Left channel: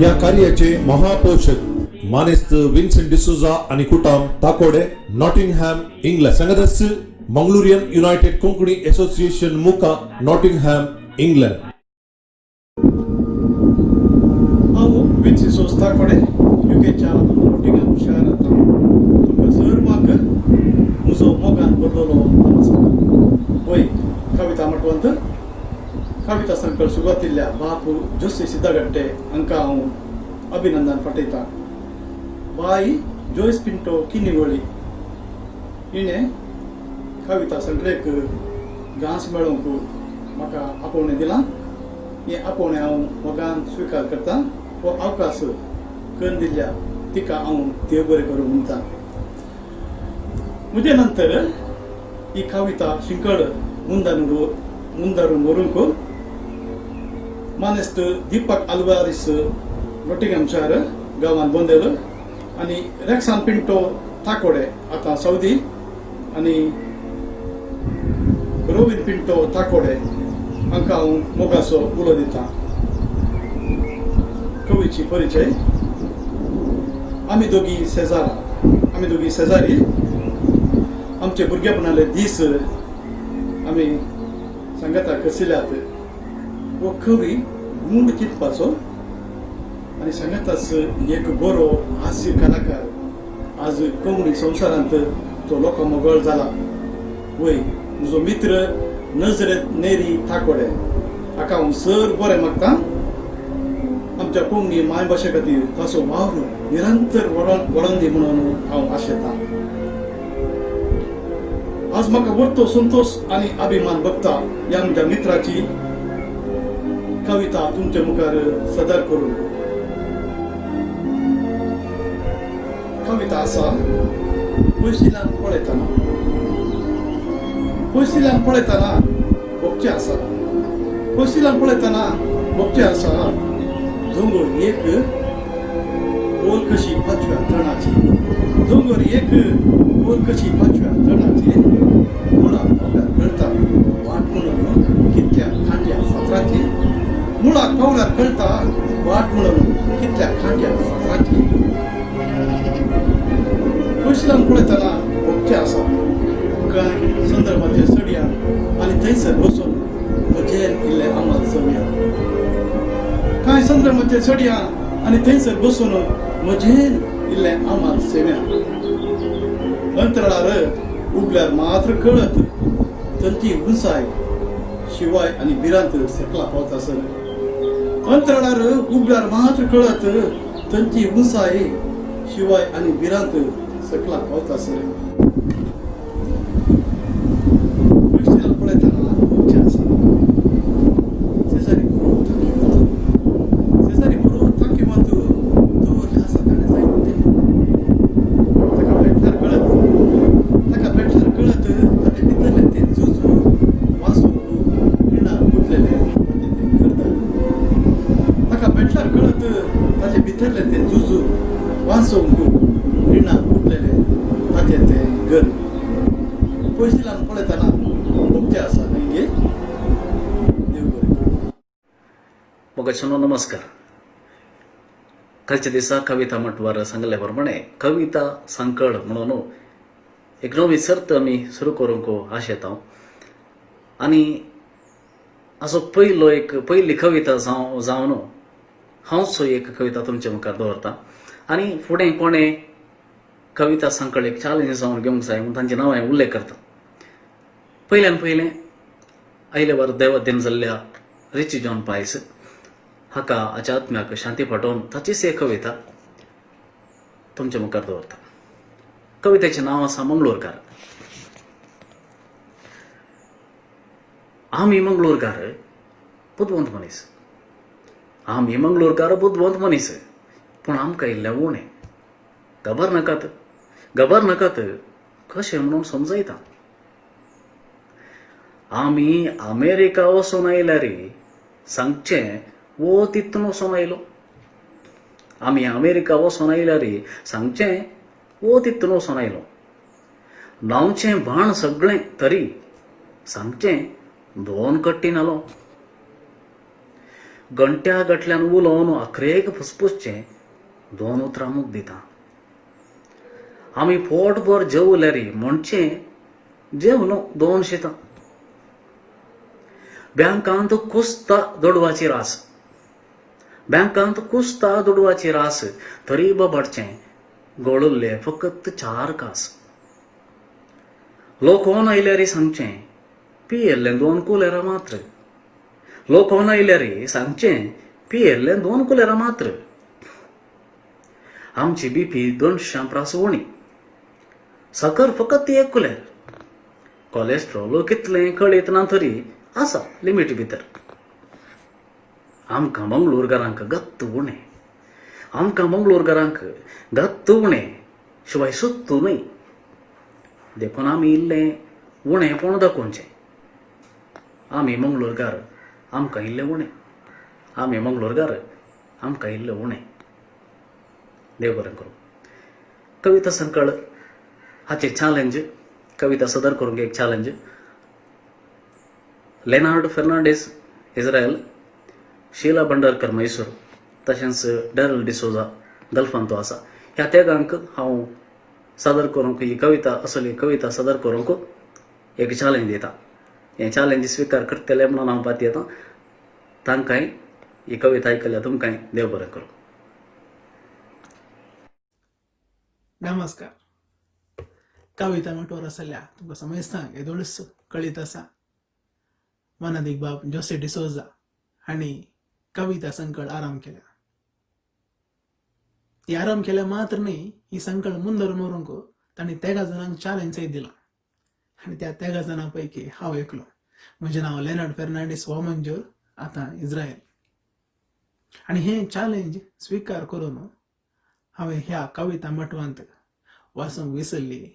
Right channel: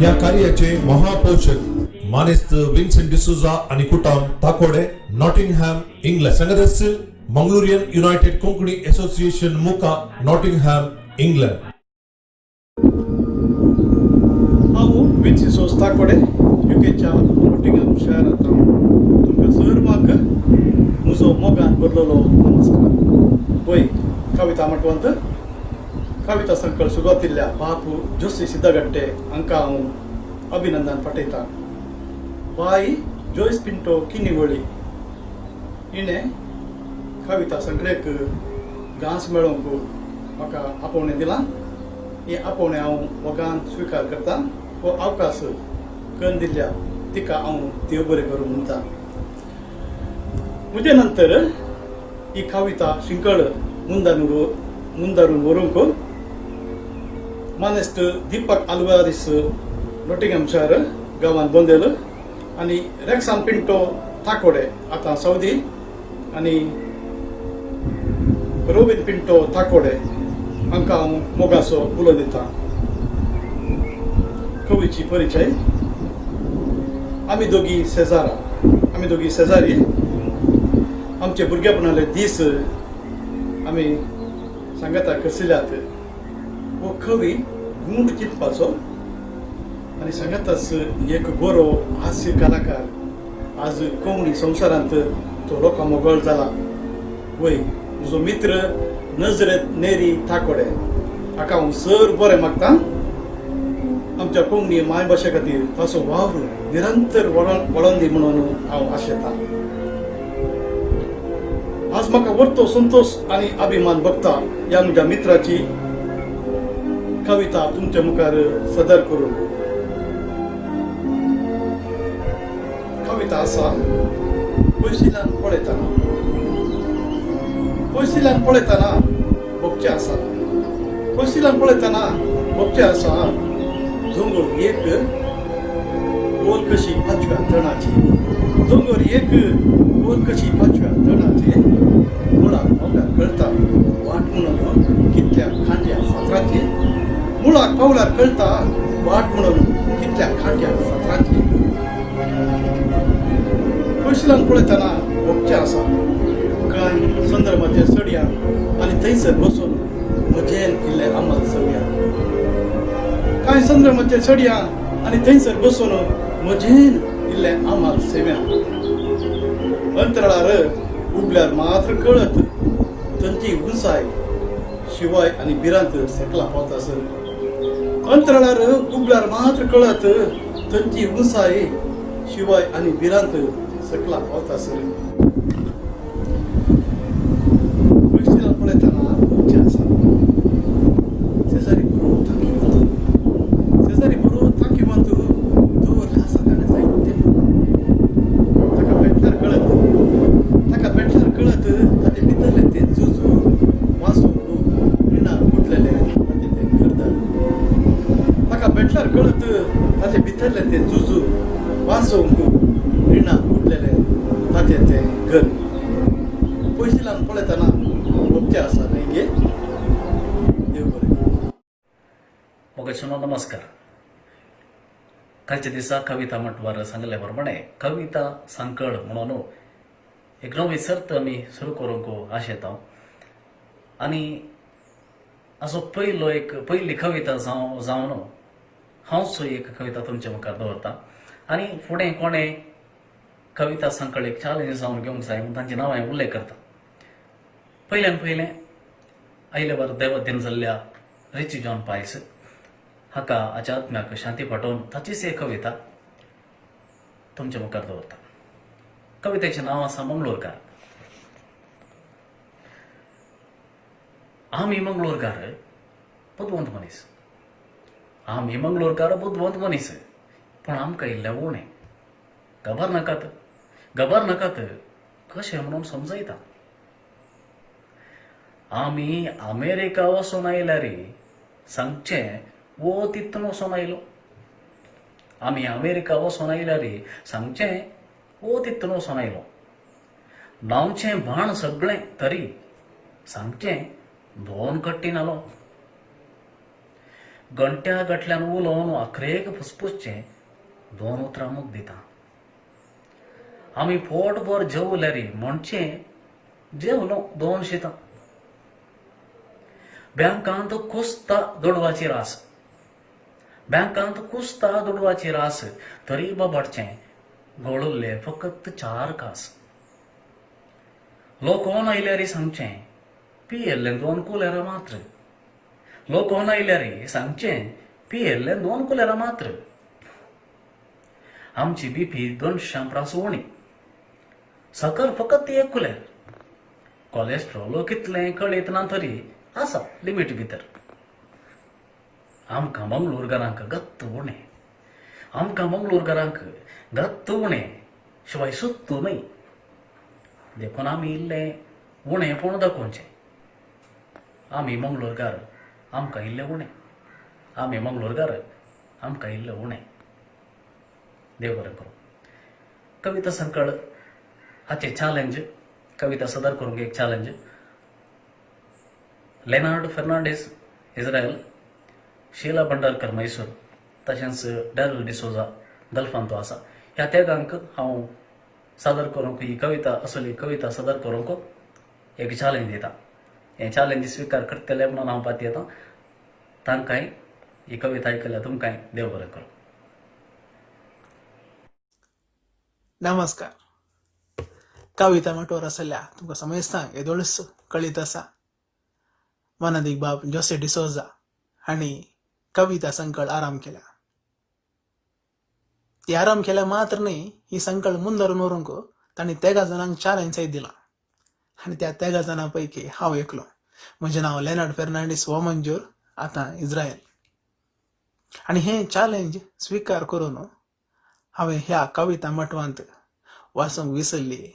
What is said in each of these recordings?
या कार्याचे महापोषक मानेस्त विन्सेंट डिसोजा आणि कुटाम ताकोडे नॉटिंगहॅम इंग्लंड संघदस्य मंगलोरियन युनायटेड कोंकणी असोसिएशन मुका नॉटिंगहॅम इंग्लंड हांव विन्स डिसोजा ताकोडे युकेच्या नॉटिंगहॅम शहरात हांव तुमकां सर्वांक म्हजो मोगान बदललो नमस्कार. वय कविता मटवंत कविता संकळ सुरवातिल्ल्या बाप जोशी सिद्धगट्टे हांकां हांव अभिनंदन पाठयतां. बाई जोयस पिंटो किन्निगोळी हिणें कविता संकळेक घास मेळोवंक म्हाका आपोवणें दिलां. हें आपोवणें हांव मोगान स्विकार करतां. हो अवकाश करून दिल्ल्या तिका हांव देव बरें करूं म्हणटां. म्हजे नंतर ही कविता शिंकळ मुंदारून व्हरूंक मानेस्त दीपक आल्वारिस नॉटिंगहॅमशायर गांवांत बोंदेल आनी रेक्सान पिंटो ताकोडे आतां सौदी आनी रोबिन पिंटो ताकोडे हांकां हांव मोगाचो उलो दितां. कवीची परिचय. आमी दोगी शेजारी. आमचे भुरगेपणाले दीस आमी सांगाता करसिल्यात. वो कवी गूंड चिंतपाचो आनी सांगाताच एक बरो हास्य कलाकार आज कोंकणी संवसारांत तो लोकां मोगोळ जाला. वय म्हजो मित्र नजरत नेरी ताकोडे हाका हांव सर बरें मागतां. आमच्या कोंकणी मायभाशे खातीर ताचो वावर निरंतर वळोवन दी म्हणून हांव आशेतां. आज म्हाका वर्तो संतोष आनी अभिमान भोगता ह्या म्हज्या मित्राची कविता तुमच्या मुखार सदर करूंक. कविता आसा पयसुल्यान पळयताना भोगचें आसा. पयसुल्यान पळयताना भोगचें आसा. दोंगर एक ओल कशी 5व्या तणाची. दोंगर एक ओल कशी 5व्या तणाची. मुळाक पावल्यार कळटा वाट म्हणून कितल्या खांट्या फातरांची. मुळाक पावल्यार कळटा वाट म्हणून कितल्या खांट्या फातरांची. पयसुल्यान पळयताना भोगचें आसा. कांय संद्रमाचेर चडया आनी थंयसर बसून म्हजेन इल्लें आमाल चवया. कांय संद्रमाचेर चडया आनी थंयसर बसून म्हजेन इल्लें आमाल सेव्या. अंतराळार उबल्यार मात्र कळत थंयची उंचाय शिवाय आनी भिरांत सकला पावता सर. अंतराळार उबल्यार मात्र कळत थंयची उंचाय शिवाय आनी भिरांत सकला पावता सर. पयसुल्यान पळयताना भोगचें आसा. शेजारी बरो थांकीवंत दवरले आसा ताणें जायते पुरना. ताका भेटल्यार कळत ताचे भितरलें तें जुजू वाचूंक रिणांत बुडलेलें ताचें तें घरदार. ताका भेटल्यार कळत ताचे भितरलें तें जुजू वाचूंक रिणांत बुडलेलें ताचें तें घर. पयसुल्यान पळयताना भोगचें आसा न्हय गे. देव बरें करूं. मोगाचनो नमस्कार. कालच्या दिसा कविता म्हटवार सांगले प्रमाणे कविता सांकळ म्हणून एक नवी सर्त आमी सुरू करूंक आशेता. आनी हाचो पयली कविता जावन हांवच एक कविता तुमच्या मुखार दवरतां. आनी फुडें कोणें कविता सांकळ एक चॅलेंज जावन घेवंक जाय म्हणून तांचें नांव हांवें उल्लेख करतां. पयलें आयले वार देवाधीन जाल्ल्या रिची जॉन पायस हाका हाच्या आत्म्याक शांती पाठोवन ताचीच एक कविता तुमच्या मुखार दवरता. कवितेचें नांव आसा मंगळूरकार. आमी मंगळूरकार बुदवंत मनीस. आमी मंगळूरकार बुदवंत मनीस. पूण आमकां इल्लें उणें. खबर नाकात कशें म्हणून समजयता. आमी अमेरिका वचून आयल्यार सांगचें वो तितून वचून आयलो. आमी अमेरिका वचून आयल्यार सांगचें वो तितून वचून आयलो. नांवचें भाण सगळें तरी सांगचें 2 कट्टी नालो. घंट्या गटल्यान उलोवन आखरेक फुसफुसचें 2 उतरांमूच दिता. आमी पोटभर जेवल्यारी म्हणचें जेवलो 2 शितां. बँकांत कुसता दुडवाची रास. बँकांत कुसता दुडवाची रास तरी बाबाडचें गळुल्ले फकत 4 कास. लोकोन आयल्यारी सांगचें पियेल्लें 2 कुलेरां मात्र. लोकोन आयल्यारी सांगचें पियेल्लें 2 कुलेरां मात्र. आमची बीपी 200 उणी. साकर फकत 1 कुलेर. कोलेस्ट्रॉल कितलें कळीत ना तरी आसा लिमीट भितर. आमकां मंगळूरकारांक गत्त उणें. आमकां मंगळूरकारांक गत्त उणें शिवाय सुत्तू न्हय. देखून आमी इल्लें उणेंपण दाखोवचें. आमी मंगळूरकार आमकां इल्लें उणें. आमी मंगळूरकार आमकां इल्लें उणें. देव बरें करूं. कविता संकळ हाचें चॅलेंज कविता सदर करूंक एक चॅलेंज. लेनार्ड फेर्नांडीस इस्रायल, शीला भंडारकर मैसूर, तशेंच डॅरल डिसोजा गल्फांत तो आसा. ह्या तेगांक हांव सादर करूंक ही कविता असली कविता सादर करूंक एक चॅलेंज दिता. हें चॅलेंज स्विकार करतले म्हणून हांव पातयेतां येता. तांकांय ही कविता आयकल्या तुमकांय देव बरें करूं. नमस्कार. कविता म्हटोर आसल्या तुमकां समजतांक येदोळस कळीत आसा. मनादीक बाब जोसे डिसोजा हांणी कविता संकळ आराम केला. ती आराम केल्या मात्र न्ही, ही संकळ मुंदरून व्हरूंक तांणी 13 जाणांक चॅलेंजय दिला. आनी त्या 13 जाणां पैकी हांव एकलो. म्हजें नांव लेनार्ड फेर्नांडीस वॉमंजूर, आतां इस्रायल. आनी हें चॅलेंज स्विकार करून हांवें ह्या कविता मटवांत वाचूंक विसरली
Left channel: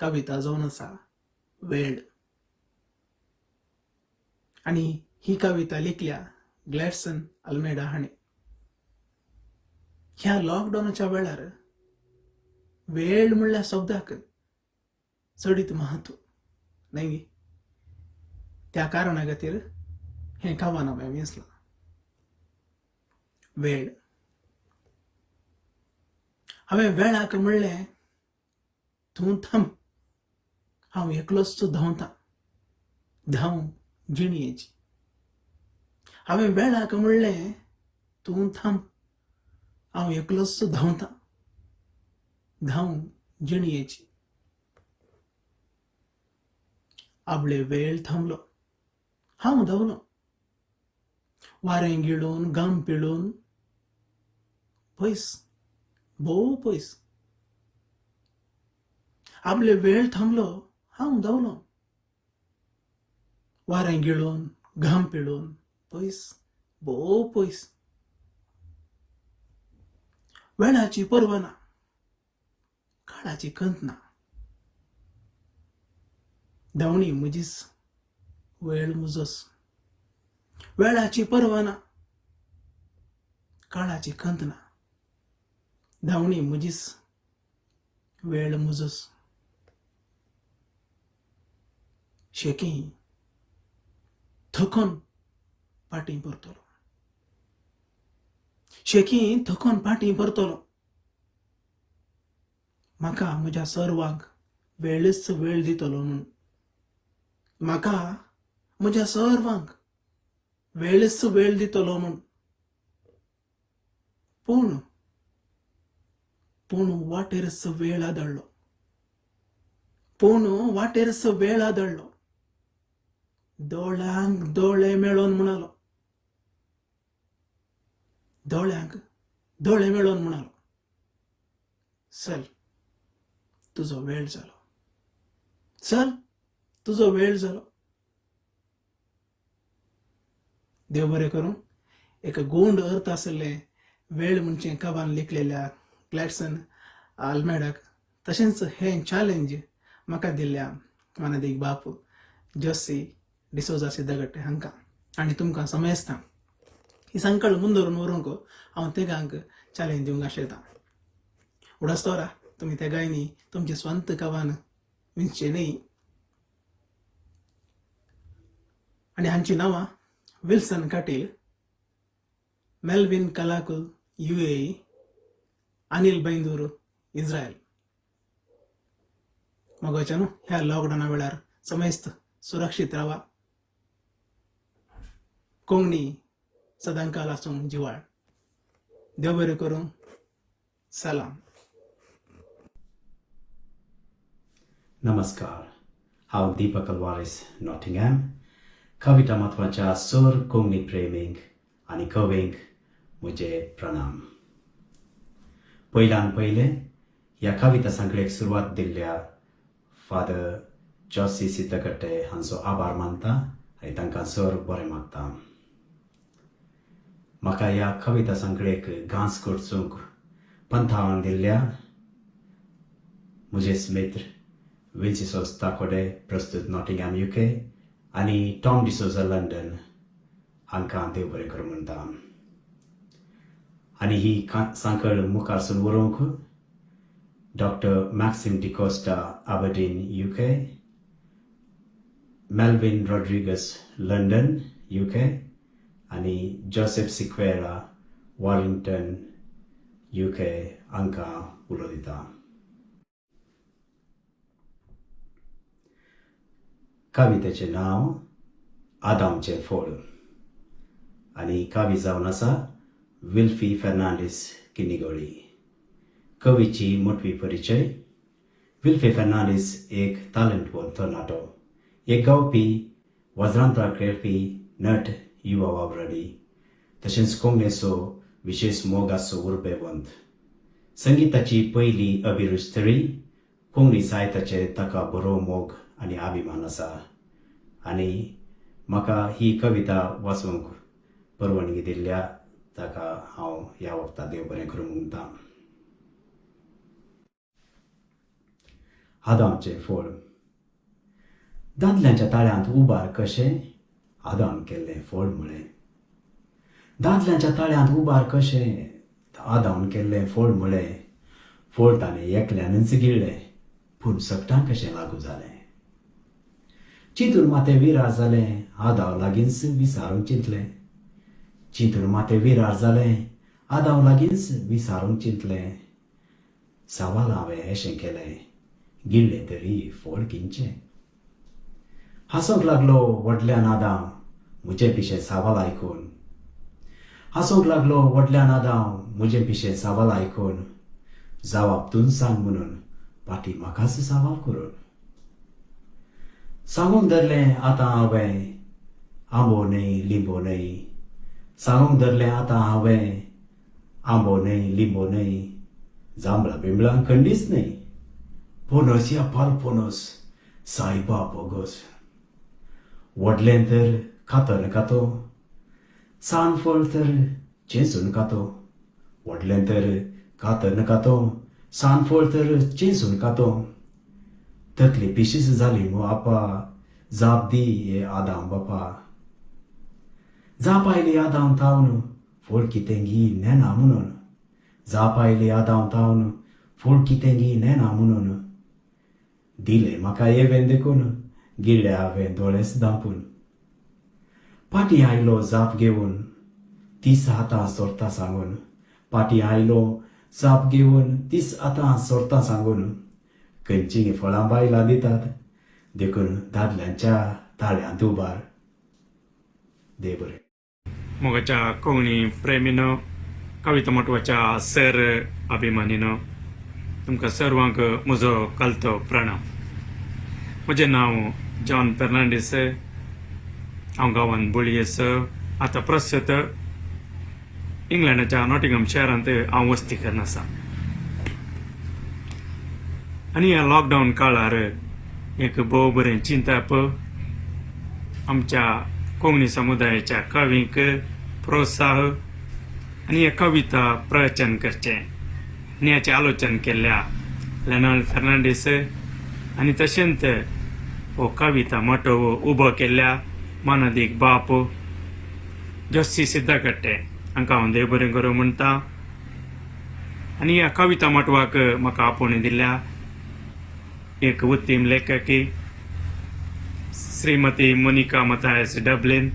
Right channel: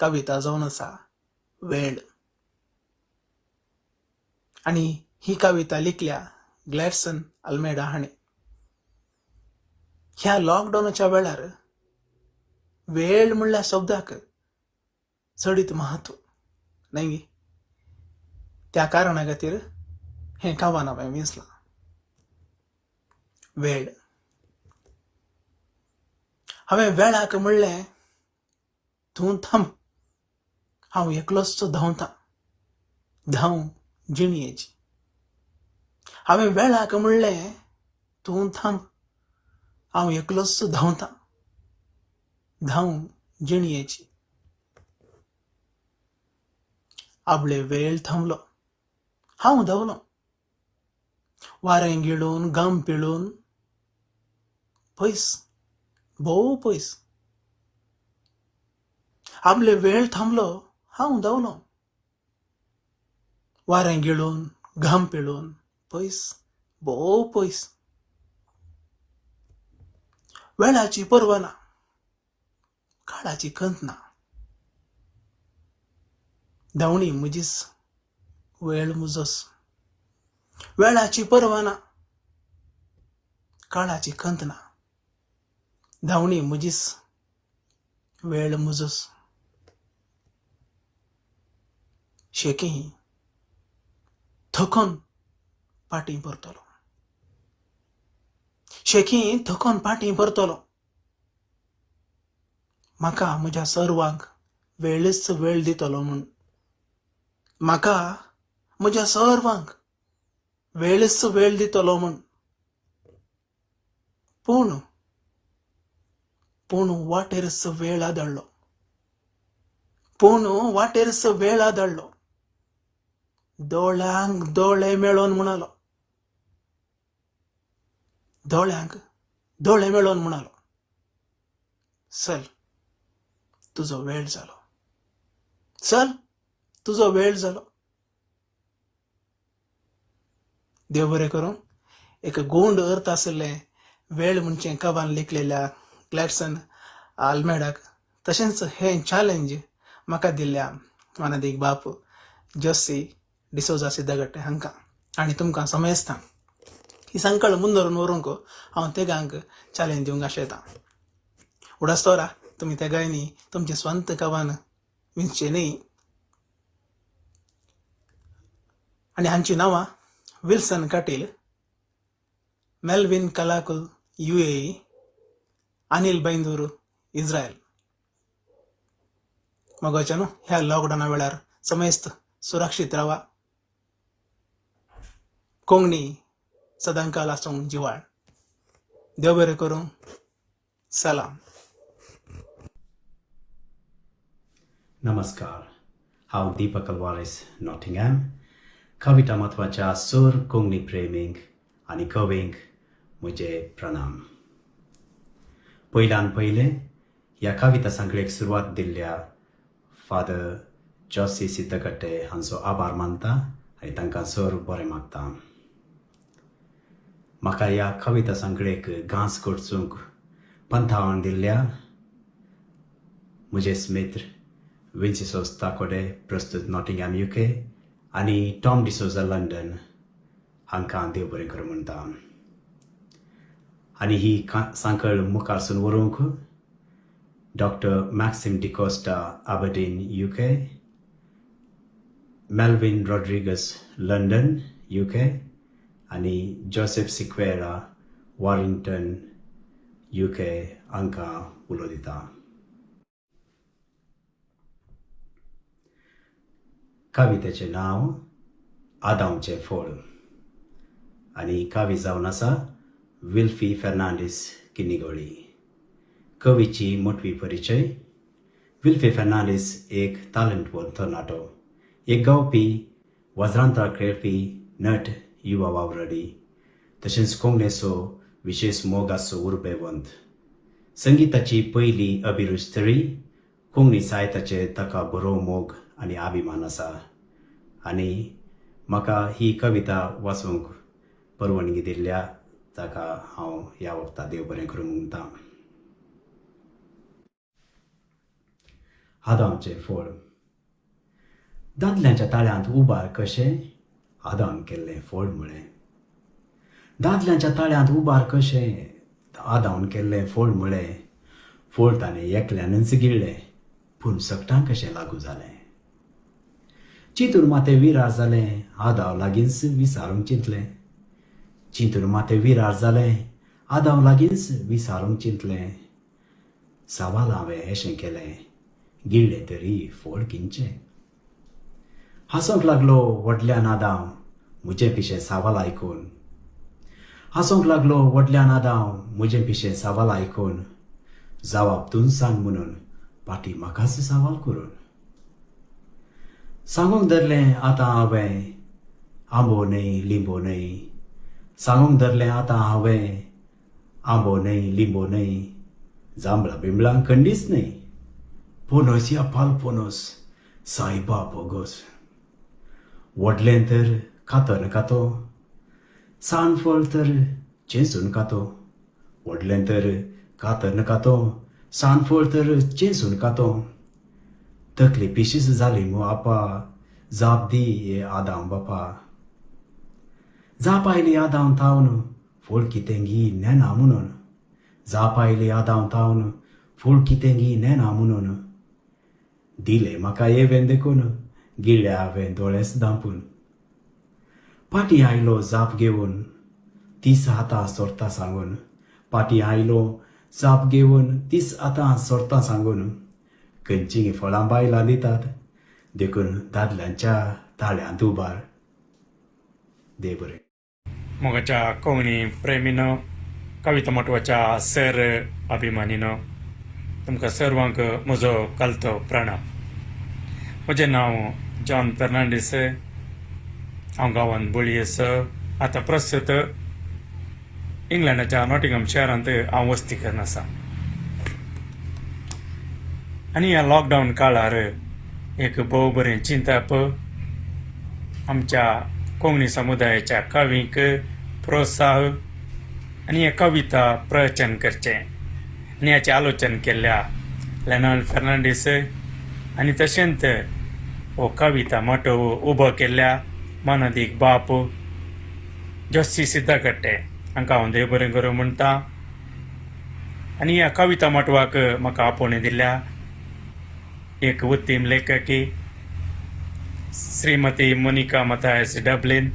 कविता जावन आसा वेळ. आनी ही कविता लिखल्या ग्लॅडसन अल्मेडा हाणें. ह्या लॉकडावनाच्या वेळार वेळ म्हणल्या शब्दाक चडीत महत्व न्हय. त्या कारणा खातीर हें कवन हांवें विसलां. वेळ. हांवें वेळाक म्हणलें तूं थांब, हांव एकलोच धांवतां. धांव जिणयेची. हांवें वेळाक म्हणलें तूं थांब, हांव एकलोच धांवतां. धांव जिणयेची. आपले वेळ थांबलो. हांव धांवलों. वारें गिळून घाम पिळून पयस, भोव पयस. आपले वेळ थांबलो. हांव धांवलों. वारें गिळून घाम पिळून पयस, भोव पयस. वेळाची पर्वा ना, काळाची खंत ना. धांवणी म्हजीच, वेळ म्हजोच. वेळाची पर्वा ना, काळाची खंत ना. धांवणी म्हजीच, वेळ म्हजोच. शेकी थकोन फाटीं परतलो. शेकी थकोन फाटीं परतलो. म्हाका म्हज्या सर्वांक वेळच वेळ दितलो म्हूण. म्हाका म्हज्या सर्वांक वेळच वेळ दितलो म्हूण. पूण वाटेरच वेळ आदळ्ळो. पूण वाटेरच वेळ आदळ्ळो. दोळ्यांक दोळे मेळोन म्हणलो. दोळ्यांक दोळे मेळोन म्हणलो, चल तुजो वेळ जालो. चल तुजो वेळ जालो. देव बरें करूं. एक गोंड अर्थ आसले वेळ म्हणचे कवान लिखलेल्या ग्लॅडसन अल्मेडाक. तशेंच हें चॅलेंज म्हाका दिल्ल्या मनादीक बाप जोसी डिसोजा सिद्धगट्टे हांकां. आनी तुमकां समजता ही संकळ मुंदरून व्हरूंक हांव तेगांक चॅलेंज दिवंक आशेतां. उडास्तोरा तुमी तेगांनी तुमचें स्वंत कवान विंचचें न्ही. आनी हांची नांवां Wilson Katil, Melvin Kalakul UAE, Anil Byndoor Israel. मगोच्यानो ह्या लॉकडाऊना वेळार समेस्त सुरक्षीत रावा. कोंगणी सदांकाल आसूंक जिवाळ. देव बरें करूं. सलाम. नमस्कार. हांव दीपक अल्वारेस नॉटिंगहॅम. कविता म्हत्वाच्या सर कोंकणी प्रेमींक आनी कवींक म्हजे प्रणाम. पयल्यान पयलें ह्या कविता संकळेक सुरवात दिल्ल्या फादर जोसी सिद्धकट्टे हांचो आभार मानता आनी तांकां सर बरें मागता. म्हाका ह्या कविता संकळेक गांस करचूंक पंथावण दिल्ल्या म्हजे मित्र विन्सिसोस ताकोडे प्रस्तुत नॉटिंगहॅम UK आनी टॉम डिसोजा लंडन हांकां देव बरें करूं म्हणटा. आनी ही सांकळ मुखारसून व्हरूंक doctor Maxim D'Costa Aberdeen UK, Melvin Rodrigues London UK आनी जोसेफ सिक्वेरा वॉरिंग्टन UK हांकां उलो दिता. कवितेचें नांव आदामचें फळ आनी कवी जावन आसा विल्फी फेर्नांडीस किनिगोळी. कवीची मोटवी परिचय. विल्फी फेर्नांडीस एक तालंतवंत तरणाटो, एक गावपी वज्रांतरां खेळपी नट युवा वावरडी, तशेंच कोंकणीचो विशेश मोग आसो उर्बेवंत. संगीताची पयली अभिरुची कोंकणी साहित्याचे ताका बरो मोग आनी अभिमान आसा. आनी म्हाका ही कविता वाचूंक परवानगी दिल्ल्या ताका हांव ह्या वक्ता देव बरें करूं म्हणटा. आदामचें फळ. दादल्यांच्या ताळ्यांत उबार कशें आदाम केल्लें फळ म्हळें. दादल्यांच्या ताळ्यांत उबार कशें आदाम केल्लें फळ म्हळें. फळ ताणें एकल्यानच गिळ्ळें, पूण सकटां कशें लागू जालें. चिंतून मातें विरार जालें, आदाम लागींच विचारूंक चिंतलें. चिंतून मातें विरार जालें, आदाम लागींच विचारूंक चिंतलें. सवाल हांवें अशें केलें, गिळ्ळें तरी फळ किंचें. हांसोंक लागलो व्हडल्यान आदाम म्हजें पिशें सवाल आयकून. हांसोंक लागलो व्हडल्यान आदाम म्हजें पिशें सवाल आयकून. जवाब तूं सांग म्हणून पाटी म्हाकाच सवाल करून. सांगूंक धरलें आतां हांवें आंबो न्हय लिंबो न्हय. सांगूंक धरलें आतां हांवें आंबो न्हय लिंबो न्हय. जांबळां बिंबळां खंडीच न्हय. पोनस या पाल पोनस सायबा बोगोस. व्हडलें तर खातर खातो, सानफळ तर चेंसून खातो. व्हडलें तर खातर खातो, सानफळ तर चेंसून खातो. तकली पिशीस जाली मू आपा, जाप दी ये आदाम बापा. जाप आयली आदाम थावन फळ कितें घी नेना म्हणून. जाप आयली आदाम थावन फळ कितें घी नेना म्हणून. दिलें म्हाका येवें देखून, गिळ्ळें हांवें दोळेस धांपून. पाटी आयलो जाप घेवन, तीस आतां सोरता सांगून. पाटी आयलो जाप घेवन, तीस आतां सोरता सांगून. खंयचीं फळां बायलां दितात, देखून दादल्यांच्या ताळ्यांत उबार. देव बरें. मोगाच्या कोंकणी प्रेमीनो, कविता म्हत्वाच्या सर अभिमानीनो, तुमकां सर्वांक म्हजो कालतो प्रणाम. म्हजें नांव जॉन फेर्नांडीस. हांव गांवांत बोळयेस. आतां प्रस्तुत इंग्लंडाच्या नॉटिंगहॅम शारांत हांव वस्ती करून आसा. आनी ह्या लॉकडावन काळार एक भोव बरें चिंतप आमच्या कोंकणी समुदायाच्या कवींक प्रोत्साह आनी हे कविता प्रवचन करचें आनी हाचें आलोचन केल्ल्या लेनार्ड फेर्नांडीस आनी तशेंच हो कविता मोठो उबो केल्ल्या मानदीक बाप जोसी सिद्धकट्टे हांकां हांव देव बरें करूं म्हणटा. आनी ह्या कविता मोटवाक म्हाका आपोवणी दिल्ल्या एक उत्तीम लेखकी श्रीमती मोनिका मथायस डब्लिन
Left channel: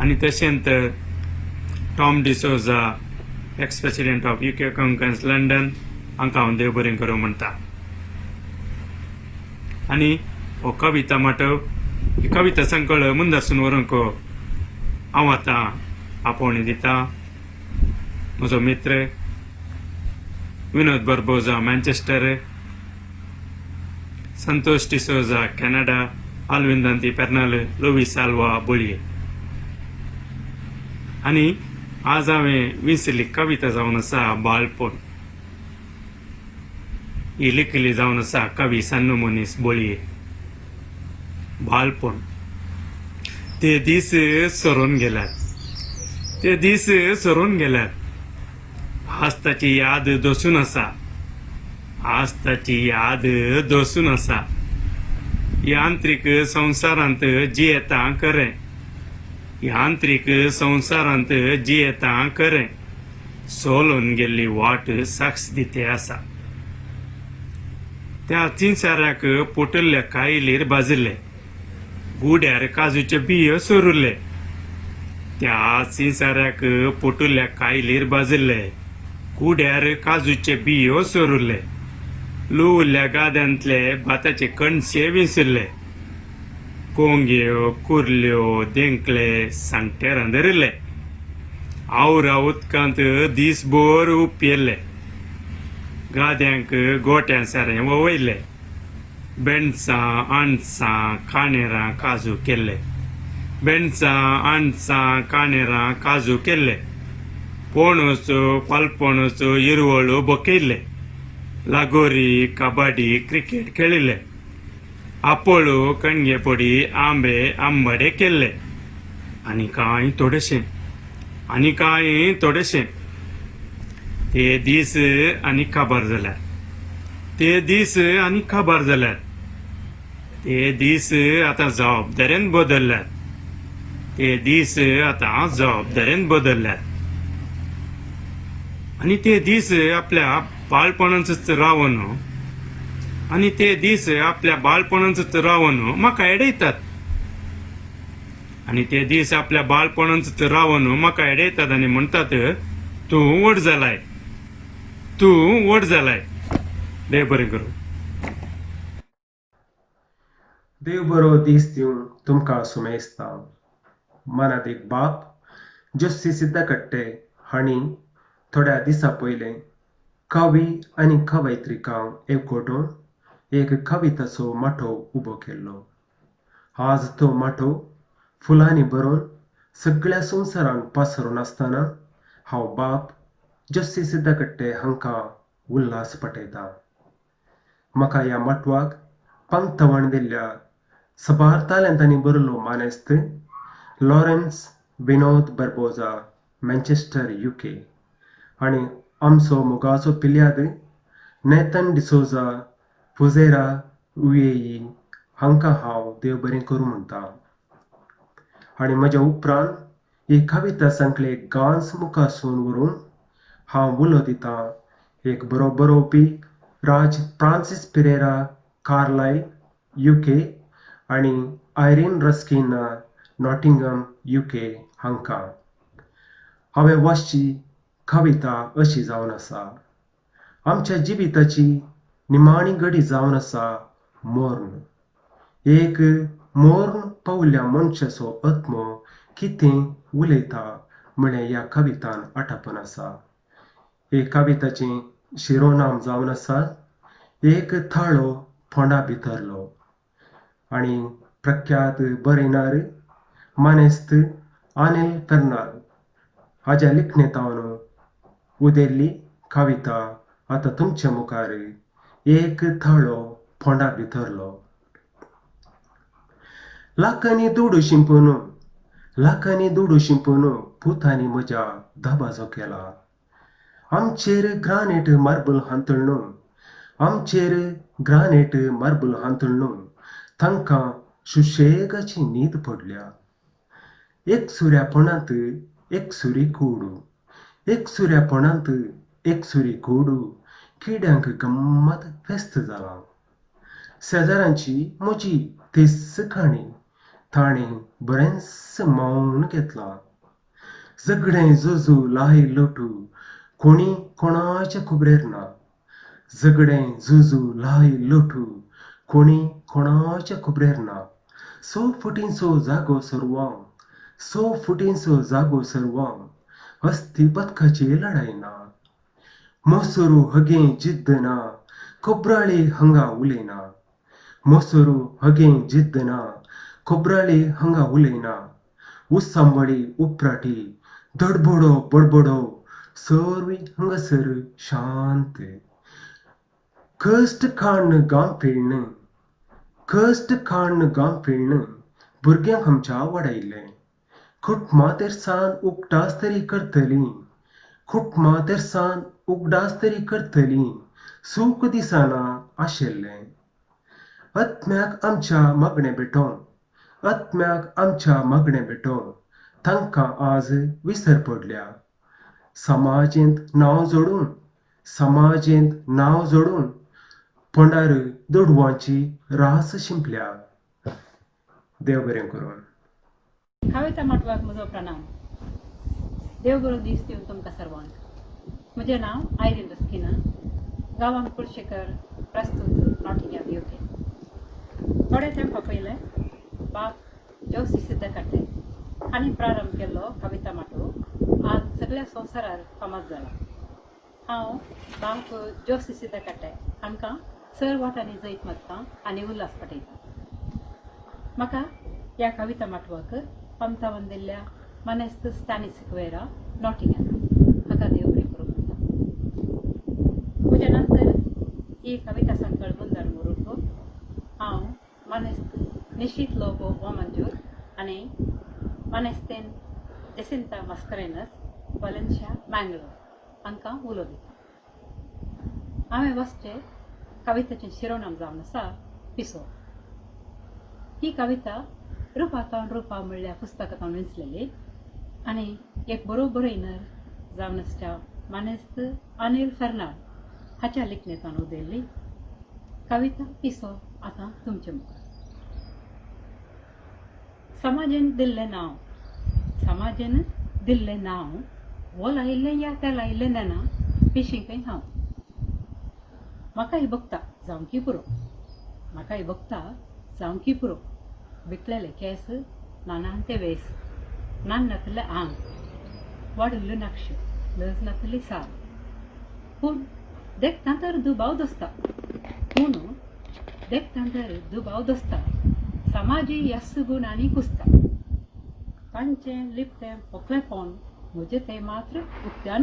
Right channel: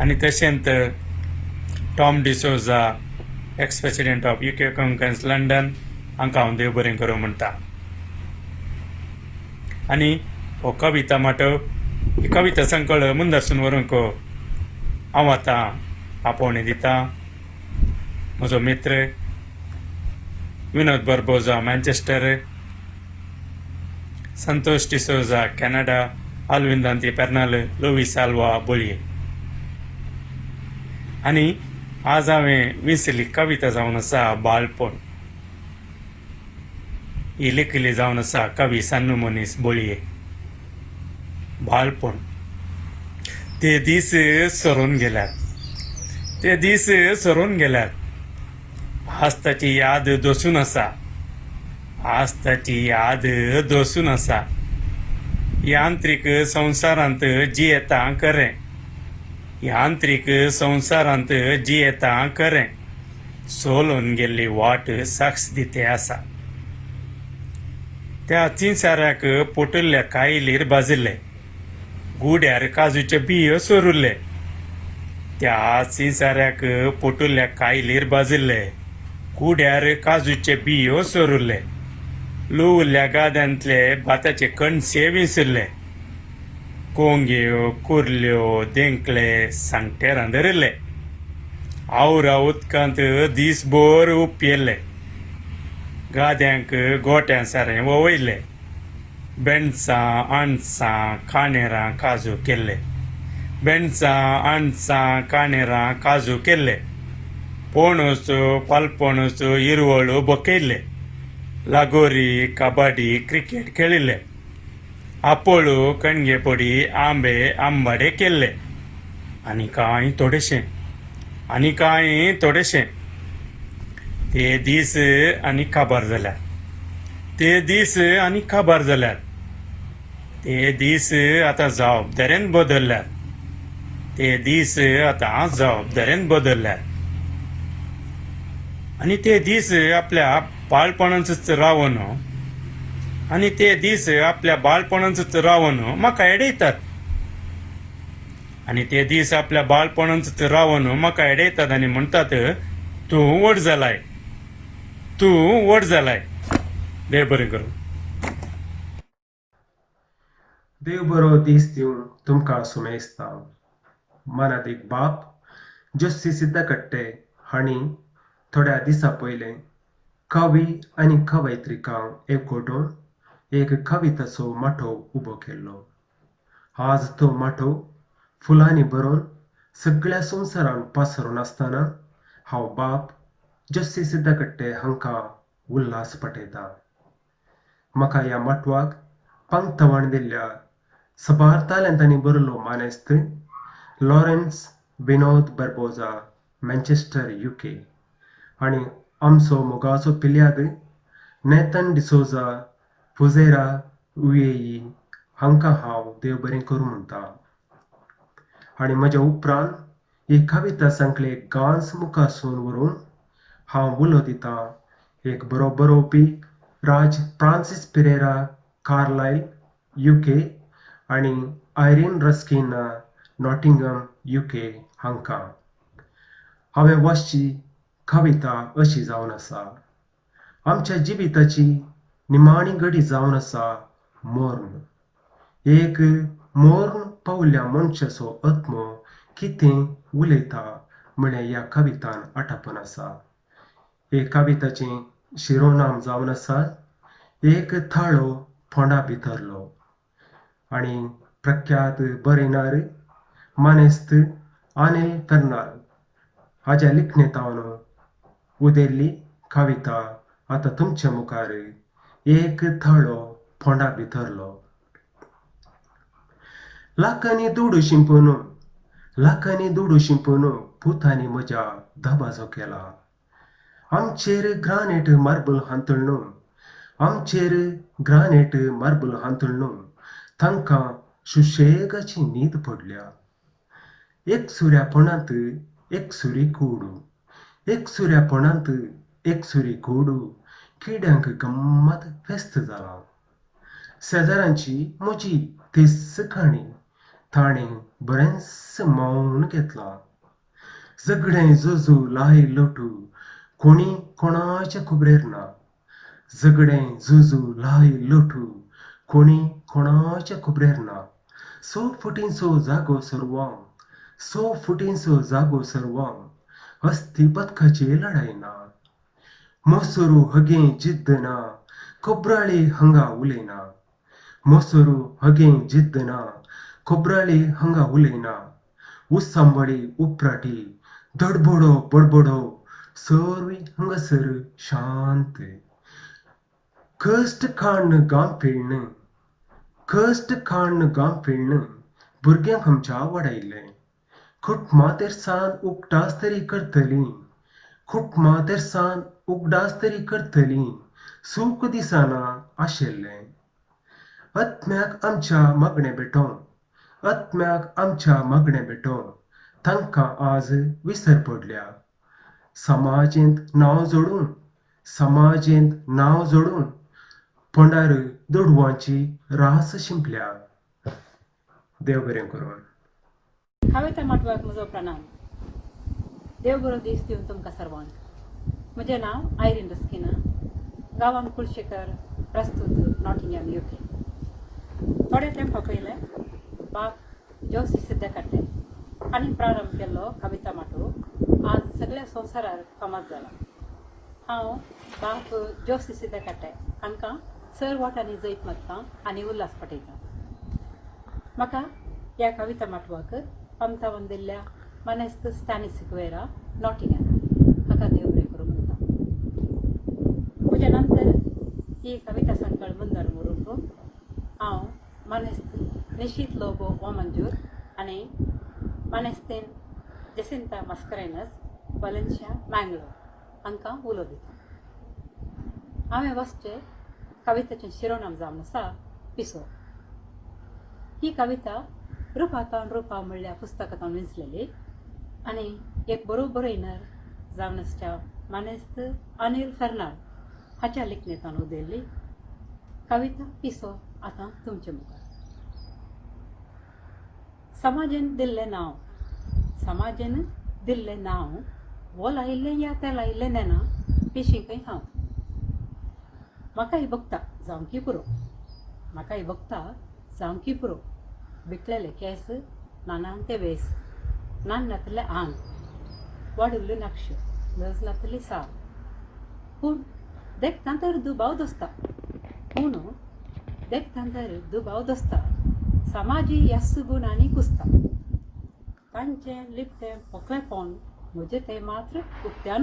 आनी तशेंच Tom D'Souza ex president of UK conference London हांकां हांव देव बरें करूं म्हणटा. आनी हो कविता माटव ही कविता संकळ मुंदरसून व्हरूंक हांव आतां आपोवणें दिता. म्हजो मित्र विनोद बर्बोजा मॅन्चेस्टर, संतोष डिसोजा कॅनडा, आल्विंदांती पेर्नाल, लोवीस आल्वा बोळये. आनी आज हांवें विसरली कविता जावन आसा बाळपण. ही लिखिल्ली जावन आसा कवी सान्नू मनीस बोळये. बाळपण ते दीस सरून गेल्यात, ते दीस सरून गेल्यात. आज ताची याद दसून आसा, आज ताची याद दसून आसा. यांत्रिक संवसारांत जियेता खरें, यांत्रिक संवसारांत जियेता खरें. सोलून गेल्ली वाट साक्ष दिते आसा. त्या चिंचाऱ्याक पोटल्ल्या कायलीर बाजिल्ले, गुड्यार काजूचे बियो सोरुल्ले. त्या चिंचाऱ्याक पोटल्ल्या कायलीर बाजिल्ले, गुड्यार काजूचे बियो सोरुल्ले. लुवल्ल्या गाद्यांतले भाताचे कणसे विसरले. कोंग्यो कुर्ल्यो देंकले सांगटे रांदरले. आवरा उदकांत दिसभर उपेल्ले. गाद्यांक गोट्यां सारें ववयले. बेणसां आणसां काणेरां काजू केल्ले, बेणसां आणसां काणेरां काजू केल्ले. पणसो पालपणसो हिरवळ्यो बकयल्ले. लागोरी कबड्डी क्रिकेट खेळिल्ले. आपोळो कणगेपडी आंबे आंबाडे केल्ले. आनी कांय थोडेशें, आनी कांय थोडेशें. ते दीस आनी काबार जाल्यात, ते दीस आनी काबार जाल्यात. ते दीस आतां जबाबदारेन बदलल्यात, ते दीस आतां जबाबदारेन बदलल्यात. आनी ते दीस आपल्या बाळपणांतच रावन, आनी ते दीस आपल्या बाळपणांतच रावन म्हाका एडयतात. आनी ते दीस आपल्या बाळपणांतच रावन म्हाका एडयतात आनी म्हणटात, तूं व्हड जालाय, तूं व्हड जालाय. देव बरें करूं. देव बरो दीस दिवन तुमकां सुमेस्ता. मनात एक बाप जोशी सिद्धकट्टे हांणी थोड्या दिसा पयलें कवी आनी कवयित्रिकांक एकवटून एक कविताचो माठो उबो केल्लो. आज तो माठो फुलांनी भरून सगळ्या संवसारान पासरून आसतना हांव बाप जोशी सिद्धकट्टे हांकां उल्हास पटयता. म्हाका ह्या माटवाक पंक्तवण दिल्ल्या सबार तालंतांनी बरयल्लो मानेस्त लॉरेन्स विनोद बर्बोजा मॅन्चेस्टर UK आनी आमचो मोगाचो पिल्याद नेथन डिसोजा फुजेरा UAE हांकां हांव देव बरें करूं म्हणटा. आनी म्हज्या उपरांत ही कविता संकले गांस मुखासून व्हरून हांव उलो दितां एक बरो बरोवपी राज फ्रांसीस पिरेरा कार्लाइल UK आनी आयरीन रस्किन नॉटिंगहम UK हांकां. हांवें वाचची कविता अशी जावन आसा. आमच्या जिविताची निमाणी घडी जावन आसा मोर्न. एक मोर्न पावल्या मनशाचो आत्मो कितें उलयता म्हळें ह्या कवितान आटापन आसा. हे कविताचें शिरोनाम जावन आसा एक थाळो फोंडा भितरलो. आनी प्रख्यात बरयणार मानेस्त अनिल पेर्नाल हाच्या लिखणेंतावन उदेल्ली कविता आतां तुमच्या मुखार एक थाळो फोंडा भितरलो. लाखांनी दुडू शिंपून, लाखांनी दुडू शिंपून पुतांनी म्हज्या धबाजो केला. आमचेर ग्रानेट मार्बल हांतळून, आमचेर ग्रानेट मार्बल हांतळून तांकां सुशेगाची न्हीद पडल्या. एक सुऱ्यापणांत एक सुरी कूडू, एक सुऱ्यापणांत एक सुरी कूडू किड्यांक गम्मत फेस्त जाला. शेजाऱ्यांची म्हजी ती सकाणी ताणें बरेंच मौन घेतला. झगडें झुजू लाई लोटू कोणी कोणाच्या खबरेर ना झगडें झुजू लाई लोटू कोणी कोणाच्या खबरेर ना 100 फुटींचो जागो सर्वांक 100 फुटींचो जागो सर्वांक हस्ती पथकाची लढाई ना मोसरू हगे जिद्द ना खोब्राळे हंगा उलयना मोसरू हगे जिद्द ना खोब्राळे हंगा उलयना उसांबळी उपराटी धडबडो बडबडो सर्वी हंगासर शांत कष्ट काढणं गाम फेडणं कष्ट काढणं गाम फेडणं भुरग्यांक आमच्या वाडयलें खुट मातेरसान उगडास तरी करतली खुट मातेरसान उगडास तरी करतली सूख दिसाना आशिल्लें आत्म्याक आमच्या मागणें भेटो आत्म्याक आमच्या मागणें भेटो तांकां आज विसर पडल्या समाजेंत नांव जोडून पंडार दोडवांची रास शिंपल्या देव बरें करून कविता माटवाक म्हजो प्रणाम. देव बरो दीस दिवन तुमकां सर्वांक. म्हजें नांव आयरीन रस्किना, गांवान कुळशेकर, प्रस्तूत नॉटिंगहॅम UK. थोडे तेंपा पयलें बाब जोशी सिद्धकट्टे हांणी प्रारंभ केल्लो कविता माटो आज सगळ्या संवसारार फामाद जाला. हांव बाब जोशी सिद्धकट्टे हांकां सर वाटांनी जैत मागतां आनी उल्हास पटयतां. म्हाका ह्या कविता माटवाक आमतावन दिल्ल्या मानेस्त स्टॅनी सिक्वेरा नॉटिंगहॅम हाका देव बरें करूं म्हणटा. म्हज्या नंतर ही कविता संकळ मुंदार व्हरूंक हांव मानेस्त निशीत लोबो बोमंजूर आनी मानेस्तेन जेसिंता मास्करेनस वलेन्शिया मँगलोर हांकां उलो दिता. हांवें वचचें कवितेचें शिरोनाम जावन आसा पिसो. ही कविता रुपातावन रुपा म्हणल्या पुस्तकांत विंचलेली आनी एक बरोबरीनर जावन आसच्या मानेस्त अनिल फर्नांड हाच्या लिखणेंतल्यान उदेल्ली कविता पिसो आतां तुमचे मुखार. समाजेन दिल्लें नांव वो लायिल्लें या तें लायिल्लें नेना पिशींकय हांव. म्हाकाय भोगता जावंकी पुरो बिकलेले केस नानांते वेस नान नातले आंग वाडुल्लो नक्षी लज नातली साल पूण देखतां तर दुबाव दोस्ता समाजी यस्स गुणांनी कुसता. तांचें लिपतें पोकळेपण म्हजें तें मात्र उक्त्यान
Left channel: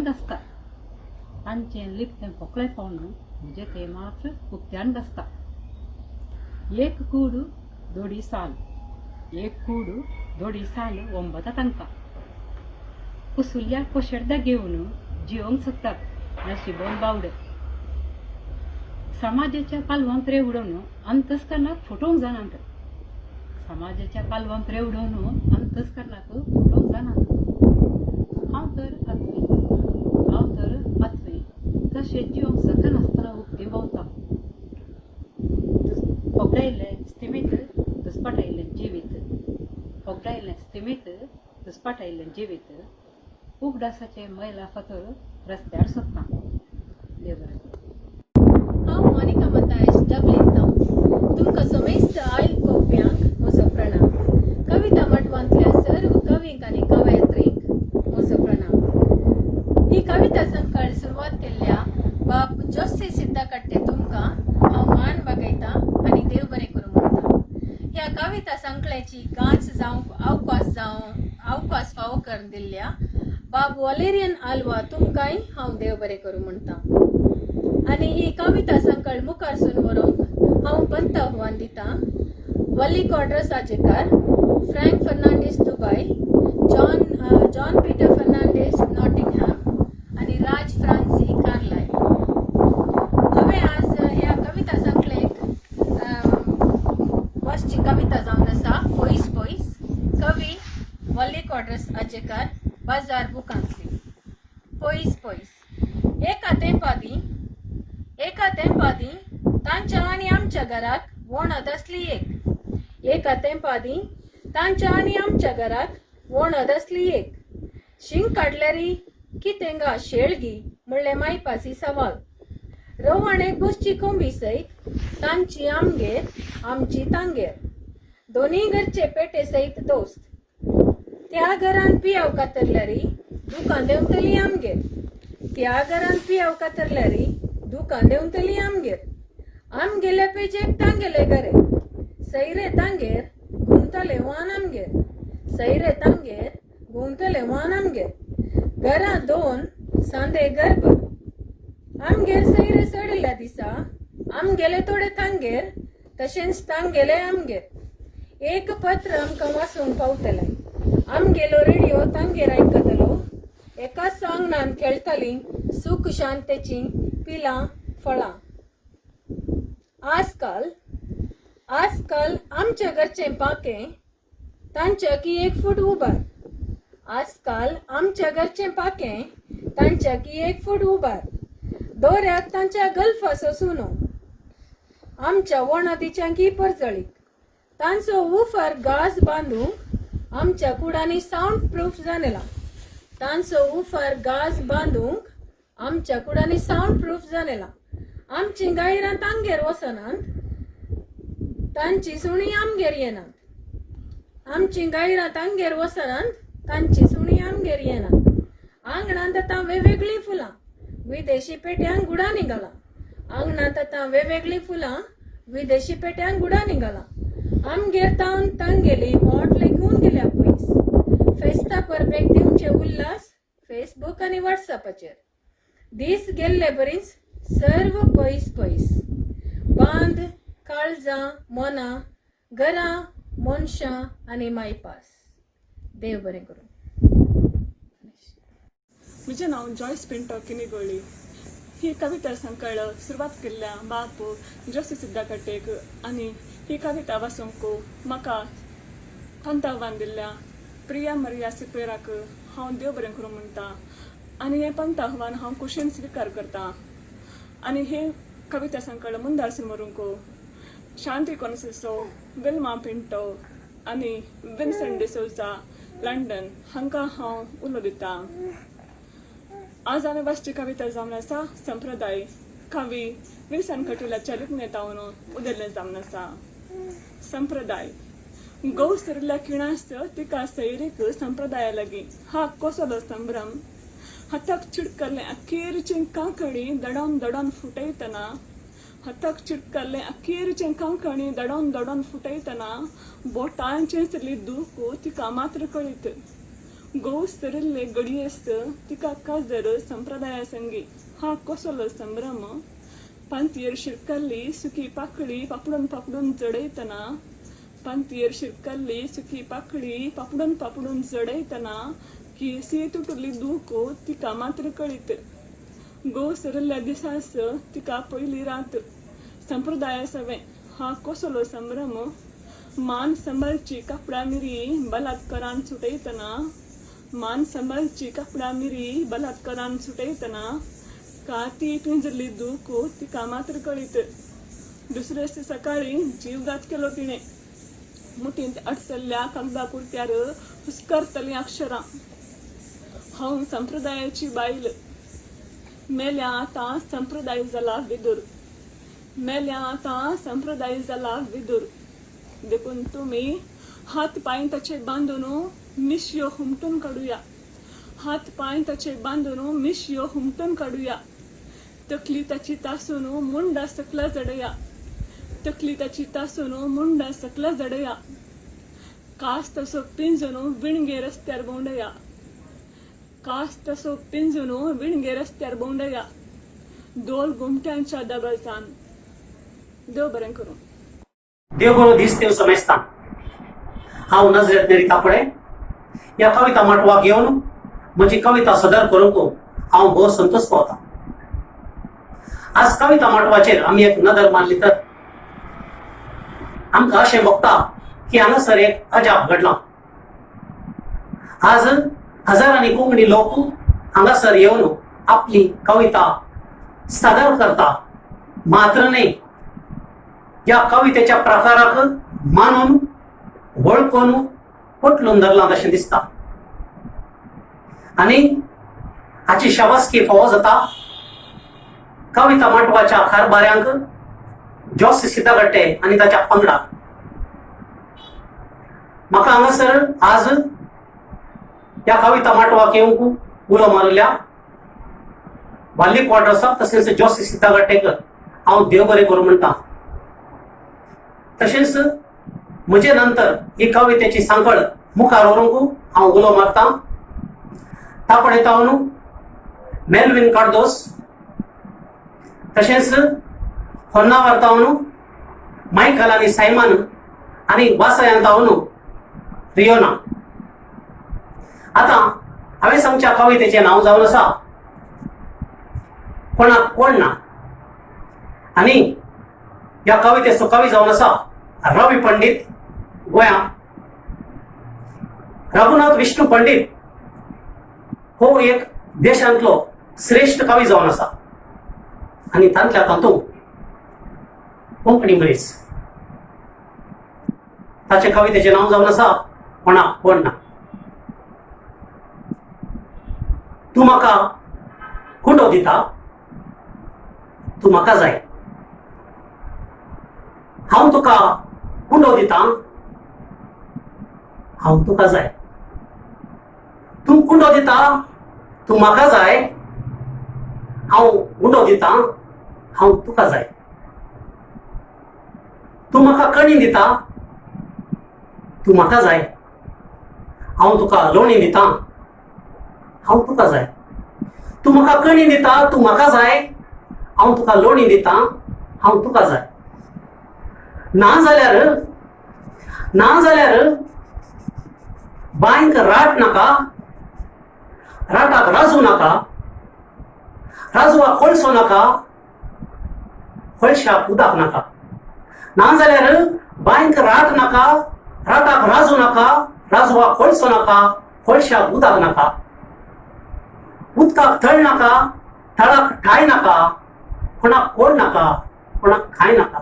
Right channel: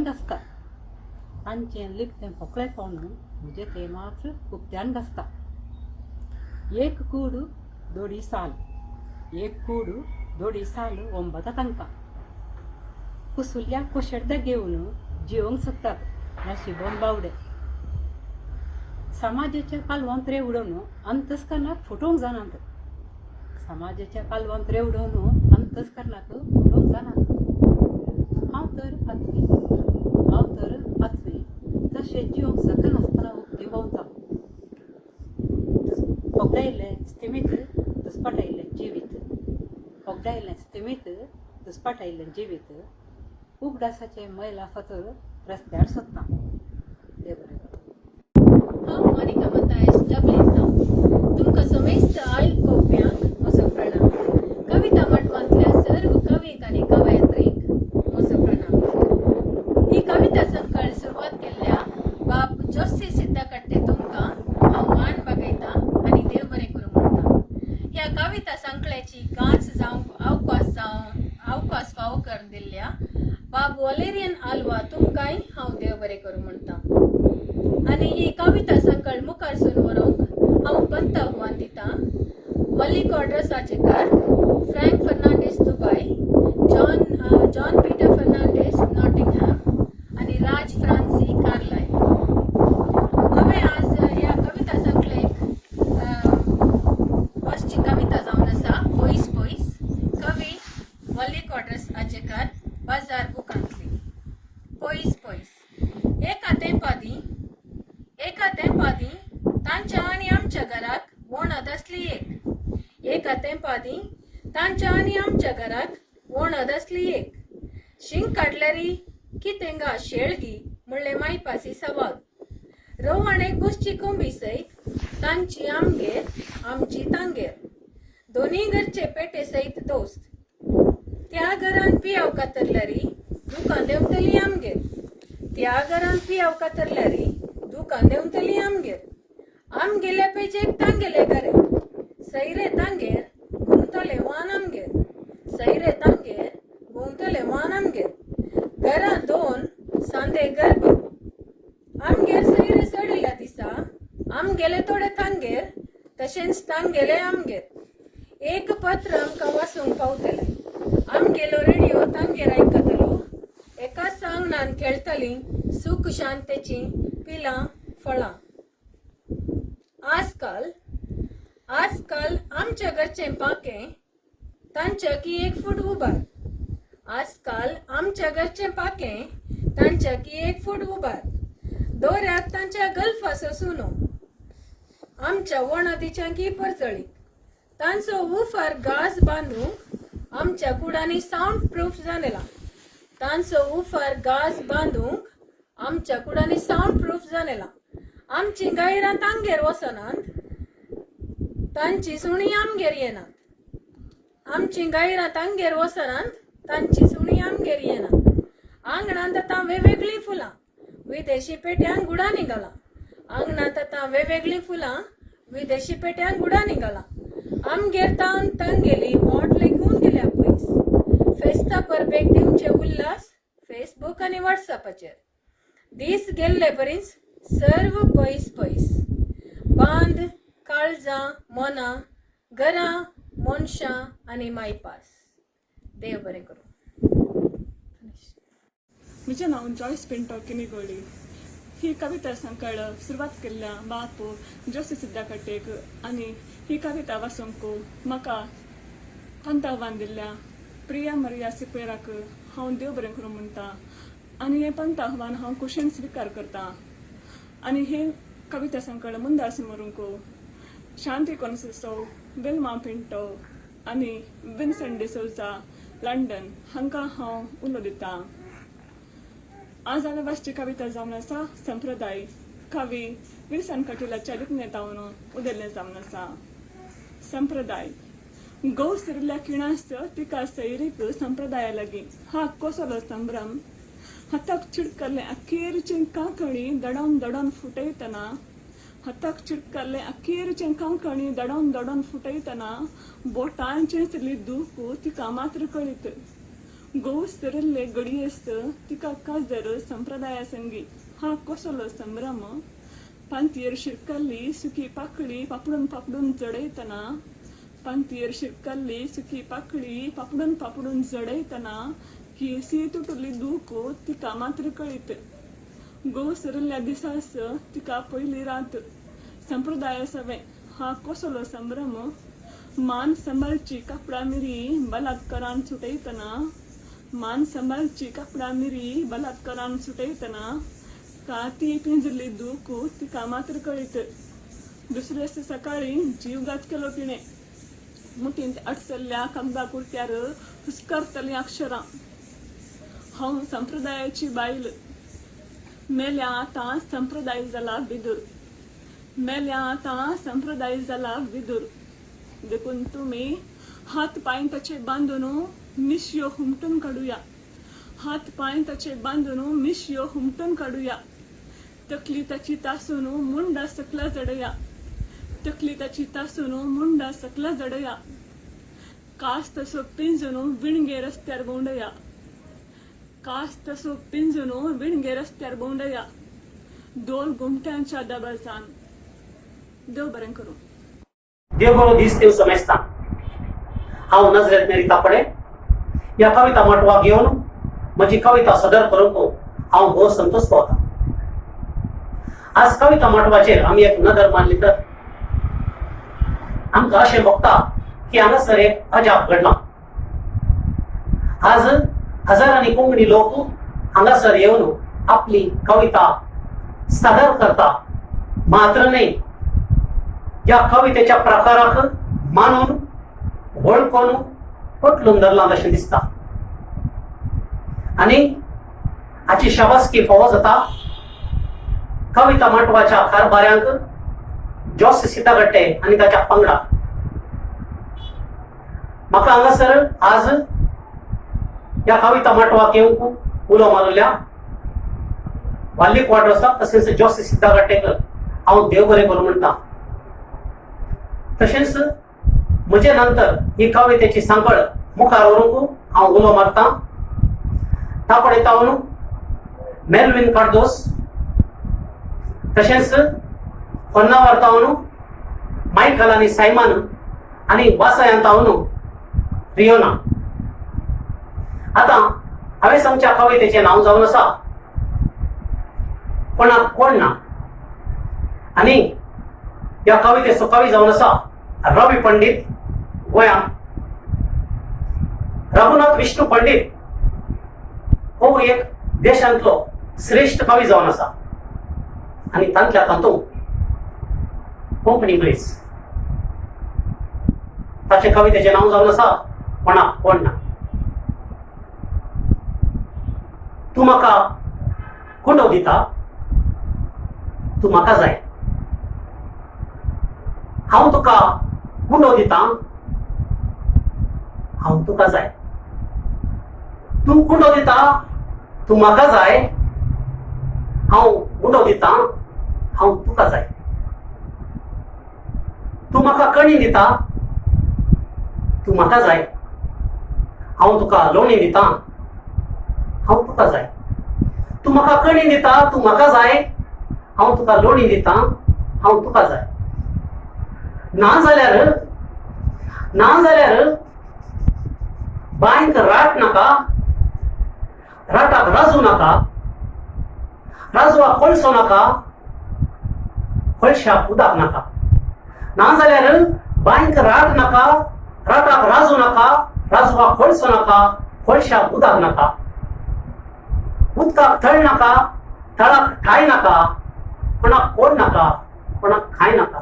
घसता. एक कूडू दोडी साल ओंबता तांकां कुसुल्ल्या कोशेड्या घेवन जिवंक सोदतात नशिबोन बावडे. समाजाच्या पालवांत रेवडून अंतस्करणाक फुटोवंक जाणात. हांव तर आत्वी तशें जिवन सकनासतना उक्ती भोंवता. ओगदायिल्लें दुस्पाटायिल्लें जिवीत उगडासाचे मैला फातर रस्त्यार सोदता. देव बरें करूं. हांव मोनिका मतायश डब्लिनांव तुमकां समेस्त आयकोप्यांक म्हजो प्रणाम. कविता माटवांतल्या सर्व कवींक आनी कवयत्रींक म्हजो प्रणाम. ही कविता संकळ सुरवात केल्ल्या बाब जोशी सिद्धकट्टे तुमकां हांव मान बागयतां आनी देव बरें करूं म्हणटा. ह्या कविता संकळेची गांच जावंक अवकाश फावो करून दिल्ल्या बाब वलेरियन आल्वा तुमकांय हांव देव बरें करूं म्हणटा. आनी ही कविता संकळ मुखारसून व्हरूंक हांव पंत आव्हान दितां वल्ली कॉड्रस Ajekar, Frank Fernandes Dubai, John Peter Fernandes Nottingham आनी राज फ्रांसी कार्लायल. हांवें आज ह्या कविता संकळेक वचची कविता जावन आसा पयस कवी वल्ली कॉड्रस आजेकार बाजार बुकांतली. पयस एका तेंपादी तांच्या आनी आमच्या घराक वणद असली एका तेंपादी तांच्या आनी आमच्या घराक वणद असली शिंग काढल्यारी की तेंगा शेळगी म्हणले मायपासी सवाल रवाणे गोष्टी कोंबी सैत तांची आमगेर आमची तांगेर दोन्ही घरचे पेटे सैत दोस्त त्या घरान पियाव कातरल्यारी दुकान देवतली आमगेर त्या घरान पियाव कातरल्यारी दुकान देवतली आमगेर आम गेले पेजेक तांगेले घरे सैरे तांगेर घुमतले वान आमगेर सैरे तांगेर घुमतले वान आमगेर घरा दोन सांदे गर्भ आमगेर सैरे चढल्या दिसा आम गेले थोडे तांगेर तशेंच तांगेले आमगेर एक पत्र आमकां वाचूंक पावतले आम गेलो रेडिओ तांगेर आयकतलो एका सांगणान खेळटली सुख शांतेची पिलां फळां आजकाल आमच्या घरचें पाकें तांच्या की 1 फूट उबार आजकाल आमच्या घरचें पाकें तांच्या की 1 फूट उबार दोऱ्याक तांच्या गल्फाचो सुनो आमच्या वणदीच्या की परजळीत तांचो उफार गाज बांदूंक आमच्या कुडांनी साऊंड प्रूफ जालेला तांचो उफार गाज बांदूंक आमच्या कुडांनी साऊंड प्रूफ जालेला आमची गायरां तांगेर वसनांत तांची सुणी आमगेर येनात आमची गायरां तांगेर वसनांत तांची सुणी आमगेर येनात आंगणांत आतां वेगवेगळीं फुलां विदेशी पेट्यांक गुडा निघाला आंगणांत आतां वेगवेगळीं फुलां विदेशी पेट्यांक गुडा निघाला आमगेर तांगेली बॉटले घेवन गेल्या पयस फेस्ता परबेक दिवचे उल्हास फेसबुक आनी व्हॉट्सअपाचेर दीस गेल्ले परीस सर्व पयस बांद काळजां मनां घरां मनशां आनी मायपास देव बरें करूं. म्हजें नांव जॉयस पिंटो किनिगोळी. ही कविता संकळ सुरवात केल्ल्या बाप जोशी सिद्धाकटेक आनी ही कविता वाचूंक म्हाका पंतावान दिल्ल्या प्रिया मरिया सिपेराक हांव देव बरें करूं म्हणटा आनी हें पंतावान हांव कुशीन स्विकार करतां. आनी हे कविता संकळ मुंदारसून व्हरूंक शांती कॉन्सिसो विल्मा पिंटो आनी विन्सेंट डिसोजा लंडन हांकां हांव उलो दितां. आज हांवें वाचची कविता जावन आसा संप्रदाय. कवी विल्सन कटिलाच्या लिखणेंतावन उदेल्लें जावन आसा. संप्रदाय गौ सिरिल्ल्या खिणास तिका सैरीक संप्रदाया लागीं हा कोसलो संभ्रम हाताक चिडकल्ले अखेरचें कांकणी दडोन फुटयतना हाताक चिडकल्ले अखेरचें कांकणी दडोन फुटयतना बोटांचें सिरली दूख तिका मात्र कळीत. गो सरिल्ले गडयेस तिका काजर संप्रदाया संगी हा कोसलो संभ्रम पांतयेर शिरकल्ली सुकी पाकळी पापडून जडयतना पांतयेर शिरकल्ली सुकी पाकळी पापडून जडयतना केसी तुटली दूख तिका मात्र कळीत. गो सरिल्ल्या दिसास तिका पयली रात संप्रदाया सवें हा कोसलो संभ्रम मान संभाळची कापडा मिरी बलात्कारान सुटयतना मान संभाळची कापडा मिरी बलात्कारान सुटयतना काती पिंजरली दूख तिका मात्र कळीत. दुसरे सकाळी जीवघात केलो तिणे मुठींत अडसल्ल्या कागदा कुर्त्यार हुस्कारतली अक्षरां हांव संप्रदायाची बायल मेल्या आतां संप्रदाय जाला विदूर मेल्या आतां संप्रदाय जाला विदूर देखून तुमी हात पांय ताचे बांदून मिशयो हुमटून काडुया हात पांय ताचे बांदून मिशयो हुमटून काडुया तकली ताची तासून मुंडा सकला जडया तकली ताची तासून मुंडा सकला जडया कास तसो पिंजून विणगे रस्त्यार बोंडया कास तसो पिंजून विणगे रस्त्यार बोंडया दोल घुमट्यांच्या दबाजान. देव बरें करूं. देव बरो दीस देव समेस्तां. हांव नजरेत नेरी तापडे ह्या कविता माटवा घेवन म्हजी कविता सदर करूंक हांव भोव संतोश पावतां. आज कविता माटवाचेर आमी एक नदर मारली तर आमकां अशें भोगता की हांगासर एक अजाप घडलां. आज हजारांनी कोंकणी लोक हांगासर येवन आपली कविता सादर करता मात्र न्ही ह्या कवितेच्या प्रकाराक मानून वळखून पटलून धरलां तशें दिसता. आणि हाची शाबासकी फावो जाता कविता माटवाच्या कारभाऱ्यांक जॉस सिद्धागट्टे आणि ताच्या पंगडा. म्हाका हांगासर आज ह्या कविता माटवाक येवंक उलो मारल्या वाल्ली क्वार्टर्साक तशेंच जॉस सिद्धागट्टेक हांव देव बरें करूं म्हणटा. तशेंच म्हजे नंतर ही कवितेची सांखळ मुखार व्हरूंक हांव उलो मारतां. तापडेतावन मेल्विन कार्दोस, तशेंच होन्नावरतावन मायकल आनी सायमन आनी वासयांतावन रियोना. आतां हांवें सांगच्या कवितेचें नांव जावन आसा कोणाक कोण ना. आनी ह्या कवितेचो कवी जावन आसा रवी पंडीत गोंयांत. रघुनाथ विष्णू पंडीत हो एक देशांतलो श्रेष्ठ कवी जावन आसा आनी तांच्या तातूंत कोंकणी मनीस. ताचे कवितेचें नांव जावन आसा कोणाक कोण ना. तूं म्हाका कुंडो दिता, तूं म्हाका जाय. हांव तुका कुंडो दिता, हांव तुका जाय. तूं कुंडो दिता, तूं म्हाका जाय. हांव कुंडो दिता, हांव तुका जाय. तूं म्हाका कणी दिता, तूं म्हाका जाय. हांव तुका लोणी दिता, हांव तुका जाय. तूं म्हाका कणी दिता, तूं म्हाका जाय. हांव तुका लोणी दिता, हांव तुका जाय. ना जाल्यार बांयक राट नाका, राटाक राजू नाका. राजवाक कोळसो नाका, कोळशाक उदक नाका. ना जाल्यार बांयक राट नाका, राटाक राजू नाका. राजवाक कोळसो नाका, कोळशाक उदक नाका. उदकाक थळ नाका, थळाक ठाय नाका. कोणाक कोण नाका, कोणाक खाय नाका.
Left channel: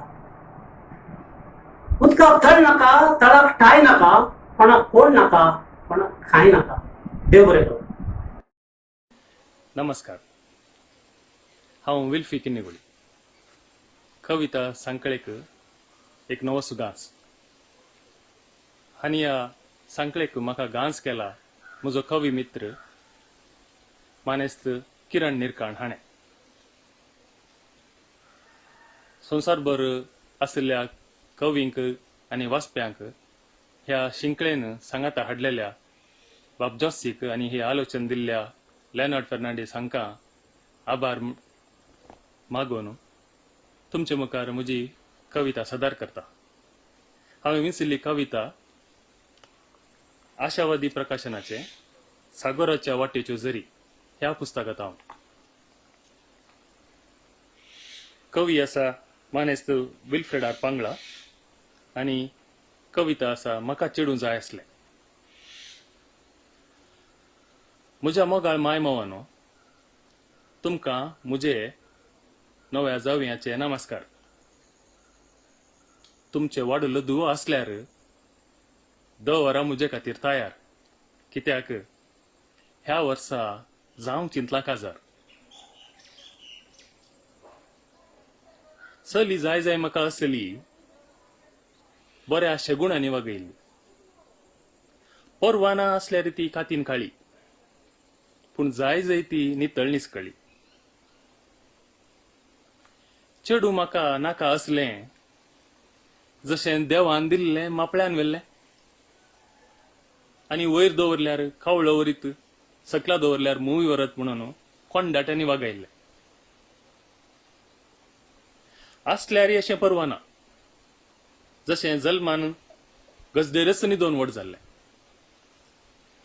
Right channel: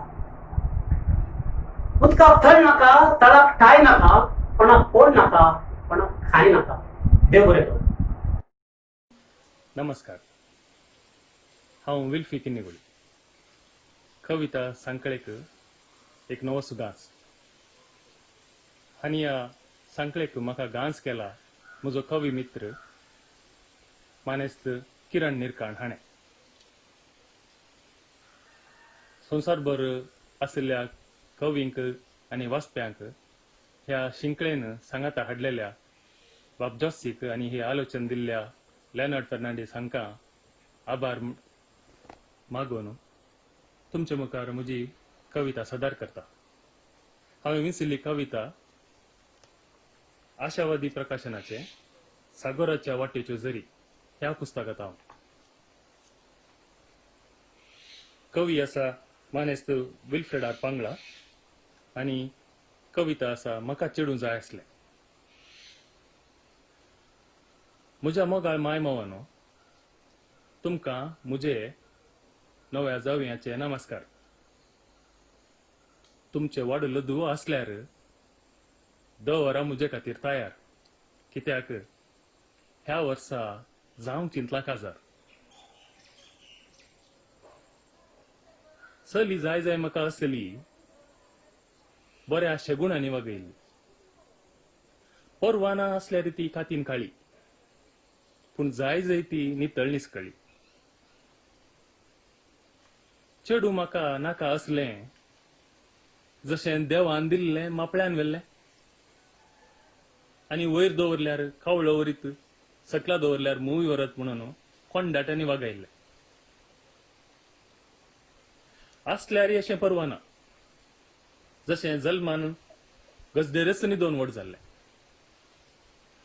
उदकाक थळ नाका, थळाक ठाय नाका. कोणाक कोण नाका, कोणाक खाय नाका. देव बरें करूं. नमस्कार. हांव विल्फी किन्निगोळी. कविता सांकळेक एक नवो सुगांच. आनी ह्या सांकळेक म्हाका गांस केला म्हजो कवी मित्र मानेस्त किरण निरकाण हाणें. संवसारभर आशिल्ल्या कवींक आनी वाचप्यांक ह्या शिंकळेन सांगाता हाडलेल्या बाब जॉसीक आनी हे आलोचन दिल्ल्या लेनार्ड फर्नांडीस हांकां आभार मागून तुमचे मुखार म्हजी कविता सादर करता. हांवें विंचिल्ली कविता आशावादी प्रकाशनाचे सागराच्या वाटेच्यो झरी ह्या पुस्तकांत हांव. कवी आसा मानेस्त विल्फ्रेड आर पांगळा आनी कविता आसा म्हाका चेडूं जाय आसलें. म्हज्या मोगाळ माय मोवानो, तुमकां म्हजे नव्या जावयाचे नमस्कार. तुमचे वाडलो दुवो आसल्यार 10 वरां म्हजे खातीर तयार. कित्याक ह्या वर्सा जावंक चिंतलां काजार. चली जाय जाय म्हाका आसली, बऱ्या शेगुणांनी वागयली. परवाना आसल्यार ती कातीन काळी, पूण जाय जाय ती नितळनीच कळी. चेडूं म्हाका नाका असलें, जशें देवान दिल्लें मापळ्यान व्हेल्लें. आनी वयर दवरल्यार कावळो वरीत, सकला दवरल्यार मुवी वरत म्हणून कोंडाट्यांनी वागयल्लें. आसल्यार अशें परवाना, जशें जल्मान गजदेरसनी 2 व्हड जाल्लें.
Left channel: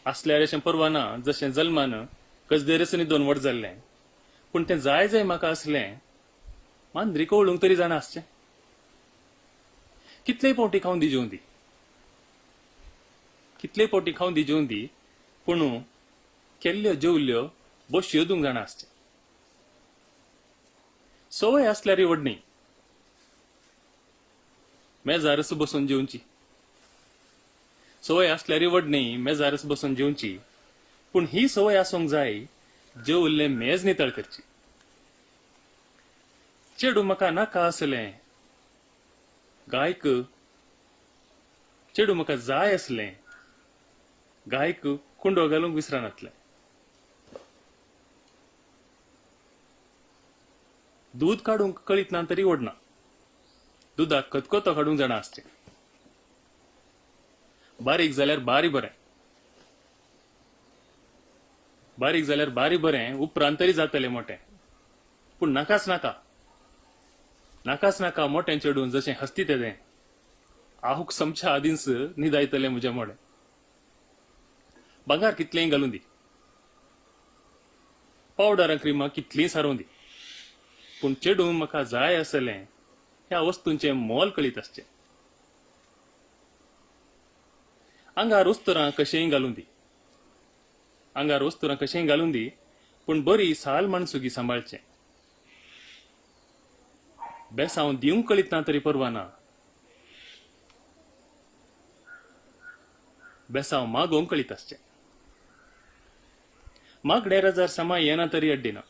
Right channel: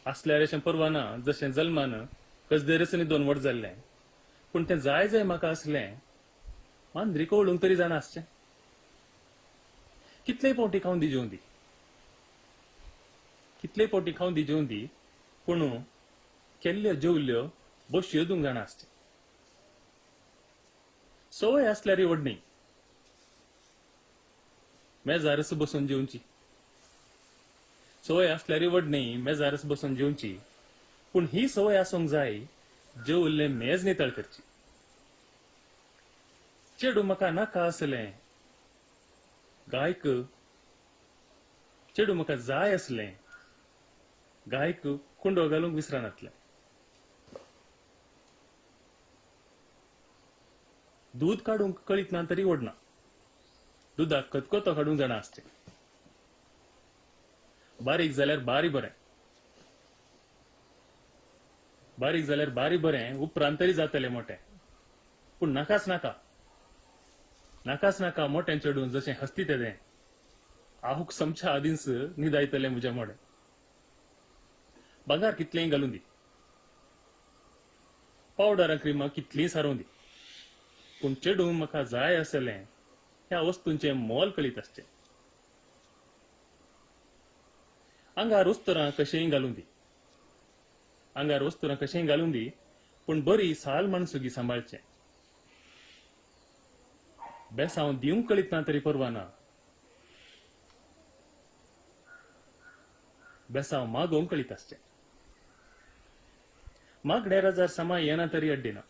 आसल्यार अशें परवाना, जशें जल्मान गजदेरसनी 2 व्हड जाल्लें. पूण तें जाय जाय म्हाका असलें मांद्री कवळूंक तरी जाणा आसचें. कितलेय पोवटी खावन दी जेवन दी, कितलेय पोवटी खावन दी जेवन दी, पूण केल्ल्यो जेवल्यो बश्यो दिवंक जाणा आसचें. सवय आसल्यार व्हडणी मेजारच बसून जेवची. सवय आसल्यार व्हडणी मेजारच बसून जेवची. पूण ही संवय आसूंक जाय जे उरले मेज नितळ करची. चेडू म्हाका नाका आसलें गायक, चेडू म्हाका जाय आसलें गायक कुंडो घालूंक विसरनातलें. दूद काडूंक कळीत ना तरी ओडना, दुदाक खतखतो काडूंक जाणा आसचें. बारीक जाल्यार बारी बरें, बारीक जाल्यार बारी बरें, उपरांत तरी जातलें मोटें. पूण नाकाच नाका, नाकाच नाका मोटें चेडून जशें हस्ती तेदें आहूक समच्या आदींच न्हिदायतलें म्हजें मोडें. भांगार कितलेंय घालून दी, पावडर क्रिमां कितलींय सारूं दी, पूण चेडूं म्हाका जाय आसलें ह्या वस्तूंचें मोल कळीत आसचें. आंगार उस्तरां कशेंय घालून दी, आंगार उस्तरां कशेंय घालून दी, पूण बरी साल माणसुगी सांबाळचें. बेसांव दिवंक कळीत ना तरी परवा ना, बेसांव मागोवंक कळीत आसचें. मागणे राजार समा येना तरी अड्डिना,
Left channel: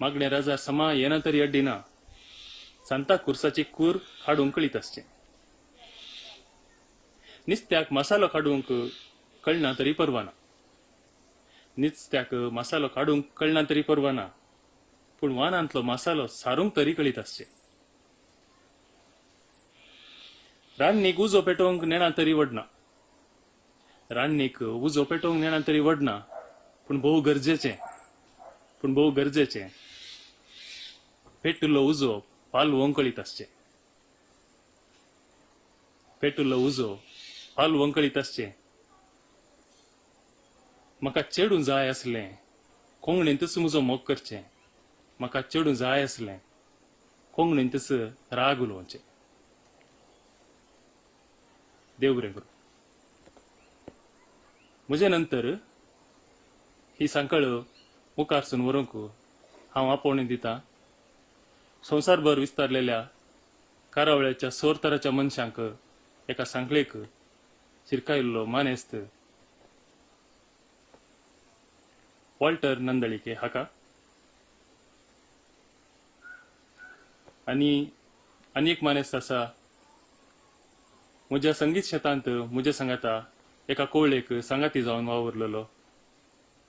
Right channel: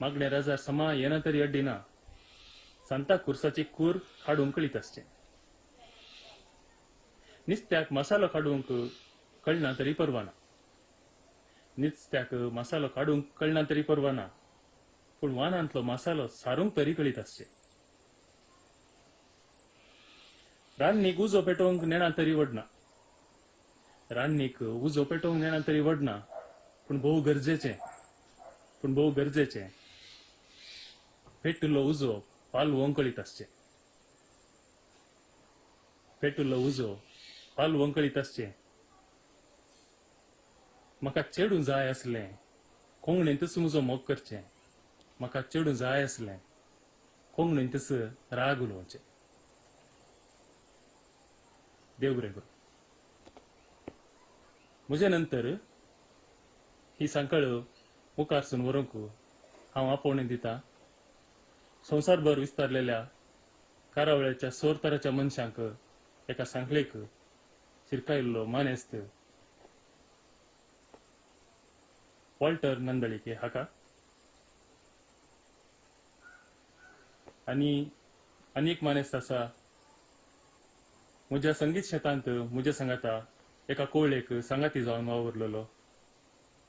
मागणे राजार समा येना तरी अड्डिना, सांता कुर्साची कूर काडूंक कळीत आसचें. नुस्त्याक मसालो काडूंक कळना तरी परवा ना, नुस्त्याक मसालो काडूंक कळना तरी परवा ना, पूण वानांतलो मसालो सारूंक तरी कळीत आसचें. रान्नीक उजो पेटोवंक नेणा तरी वडना, रान्नीक उजो पेटोवंक नेणा तरी वडना, पूण भोव गरजेचें, पूण भोव गरजेचें पेटुल्लो उजो पालवोवंक कळीत आसचें. पेटुल्लो उजो पालवोवंक कळीत आसचें. म्हाका चेडूं जाय आसलें कोंगणींतच म्हजो मोग करचें, म्हाका चेडूं जाय आसलें कोंगणींतच राग उलोवचें. देव बरें करूं. म्हजे नंतर ही सांकळ मुखारसून व्हरूंक हांव आपोवणी दितां संवसारभर विस्तारलेल्या कारावळ्याच्या 16 तरांच्या मनशांक एका सांखळेक शिरकायिल्लो मानेस्त वॉल्टर नंदळीके हाका आनी एक मानेस्त आसा म्हज्या संगीत शेतांत म्हज्या सांगाता एका कोवळेक सांगाती जावन वावरलेलो,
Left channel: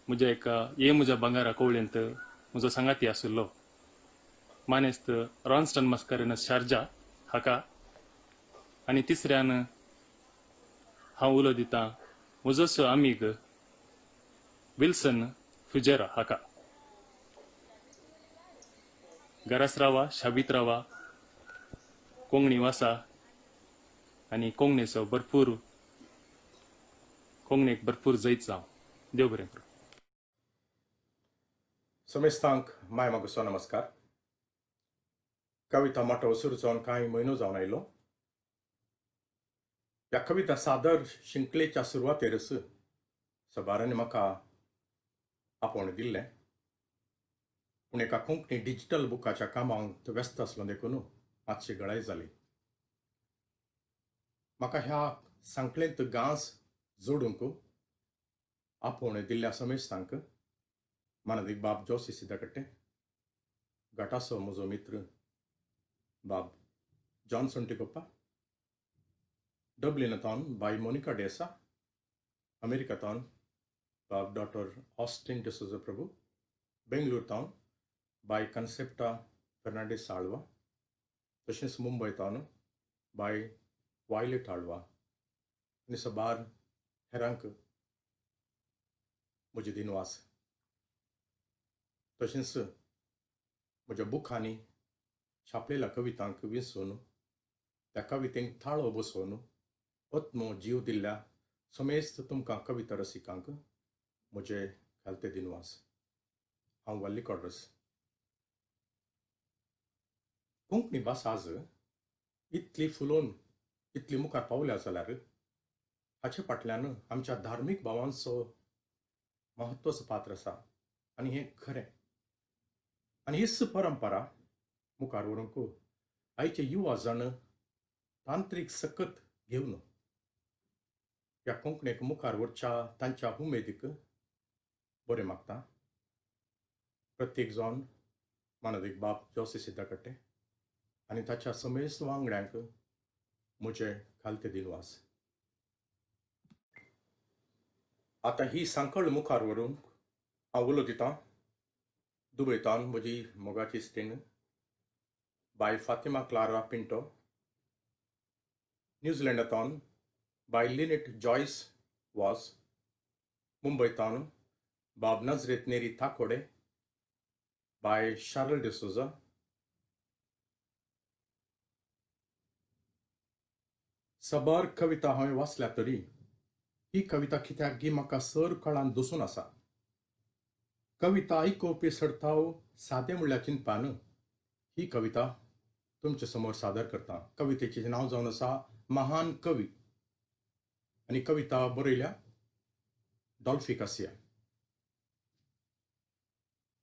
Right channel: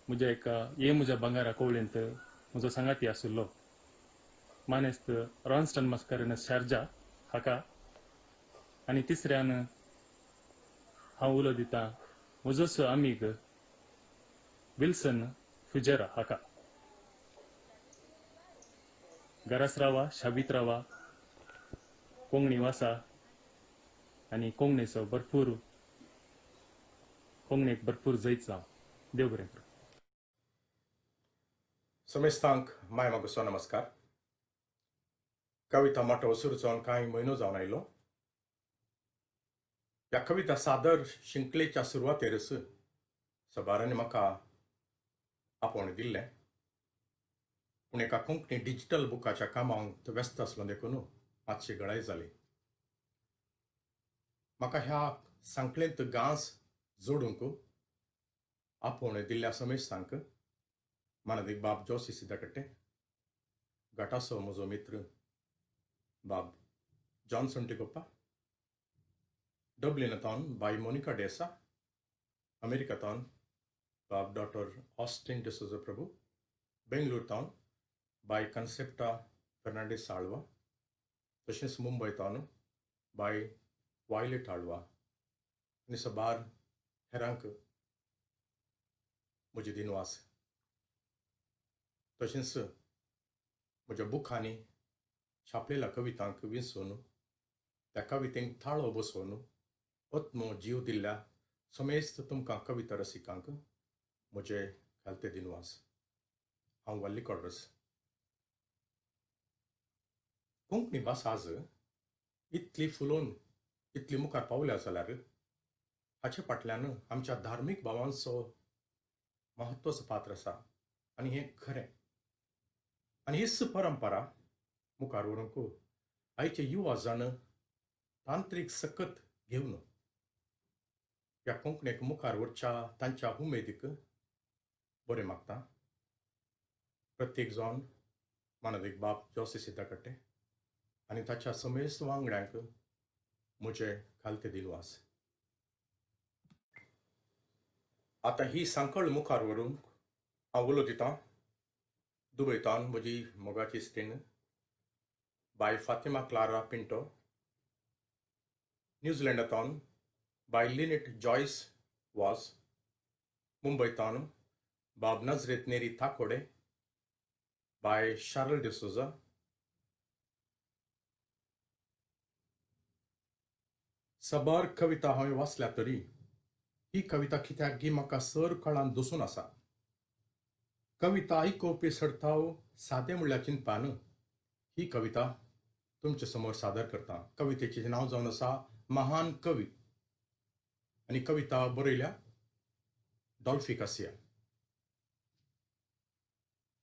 म्हज्या बंगारा कोवळेंत म्हजो सांगाती आसलो मानेस्त रॉन्स्टन मस्कारेनस शारजा हाका. आनी तिसऱ्यान हांव उलो दितां म्हजोसो आमीग विल्सन फुजेरा हाका. घरास रावा, शाबीत रावा, कोंगणी वासा आनी कोंगणेचो कोंगणेक भरपूर जैत जावं. देव बरें करूं. समेस्तांक माय मागुसो नमस्कार. कविता मोठो वसूर जावन कांय म्हयनो जावन आयलो. ह्या कविता सादर शिंकलेच्या सुरवातेरच सबारांनी म्हाका आपोवणें दिल्लें, पूण एका कोंकणी डिजिटल बुकाच्या कामांत व्यस्त आसलो देखून मातशी गळाय जाली. म्हाका ह्या सांकळेंत गांस जोडूंक आपोवणें दिल्ल्या समेस्तांक मानदीक बाब जोशी सिद्धकट्टे, गटाचो म्हजो मित्र बाब जॉन सोंटिकोप्पा, डब्लिनांतल्यान बाय मोनिका डेसा, अमेरिकांतल्यान बाब डॉक्टर ऑस्टिन डिसोजा प्रभू, बेंगळूरतावन बाय कन्सेप्टा फर्नांडीस आळवा, तशेंच मुंबयतावन बाय वायलेट आळवा आनी सबार हेरांक म्हजी दिनवास. तशेंच म्हज्या बुकांनी छापलेल्या कवितांक विंसून त्या कवितेक थाळो बसोवन ओत्मो जीव दिल्ल्या समेस्त तुमकां कविता रसिकांक म्हजे घालते दिनवास. हांव वल्ली कॉड्रस. कोंकणी भास आज इतली फुलोवन इतली मुखार पावल्या जाल्यार हाचे फाटल्यान आमच्या धार्मीक भावांचो महत्वाचो पात्र आसा आनी हें खरें. आनी हीच परंपरा मुखार व्हरूंक आयचे युवा जण तांत्रीक सकत घेवन ह्या कोंकणीक मुखार व्हरच्या तांच्या उमेदीक बरें मागता प्रत्येक जावन मानवीक बाब जोसे सिद्धा कट्टे आनी ताच्या समेस्त वांगड्यांक म्हजे खालते दिनवास. आतां ही सांकळ मुखार व्हरून हांव उलो दितां दुबयतान म्हजी मोगाची स्टिंग बाय फातिमा क्लारा पिंटो, न्यूझीलंडातान बाय लिनेट जॉयस वॉस, मुंबयतान बाब नजरेत नेरी थाकोडे बाय शार्ल डिसोजा, सबार कविता हांवें वाचल्या तरी ही कविता कित्याक गी म्हाका सर कळान दसून आसा. कविता आयकोवपी सडताव सादें म्हणल्यार चिंतपान ही कविता तुमचे समोर सादर करता. कवितेचें नांव जावन आसा महान कवी आनी कविता बरयल्या डॉल्फी कासिया.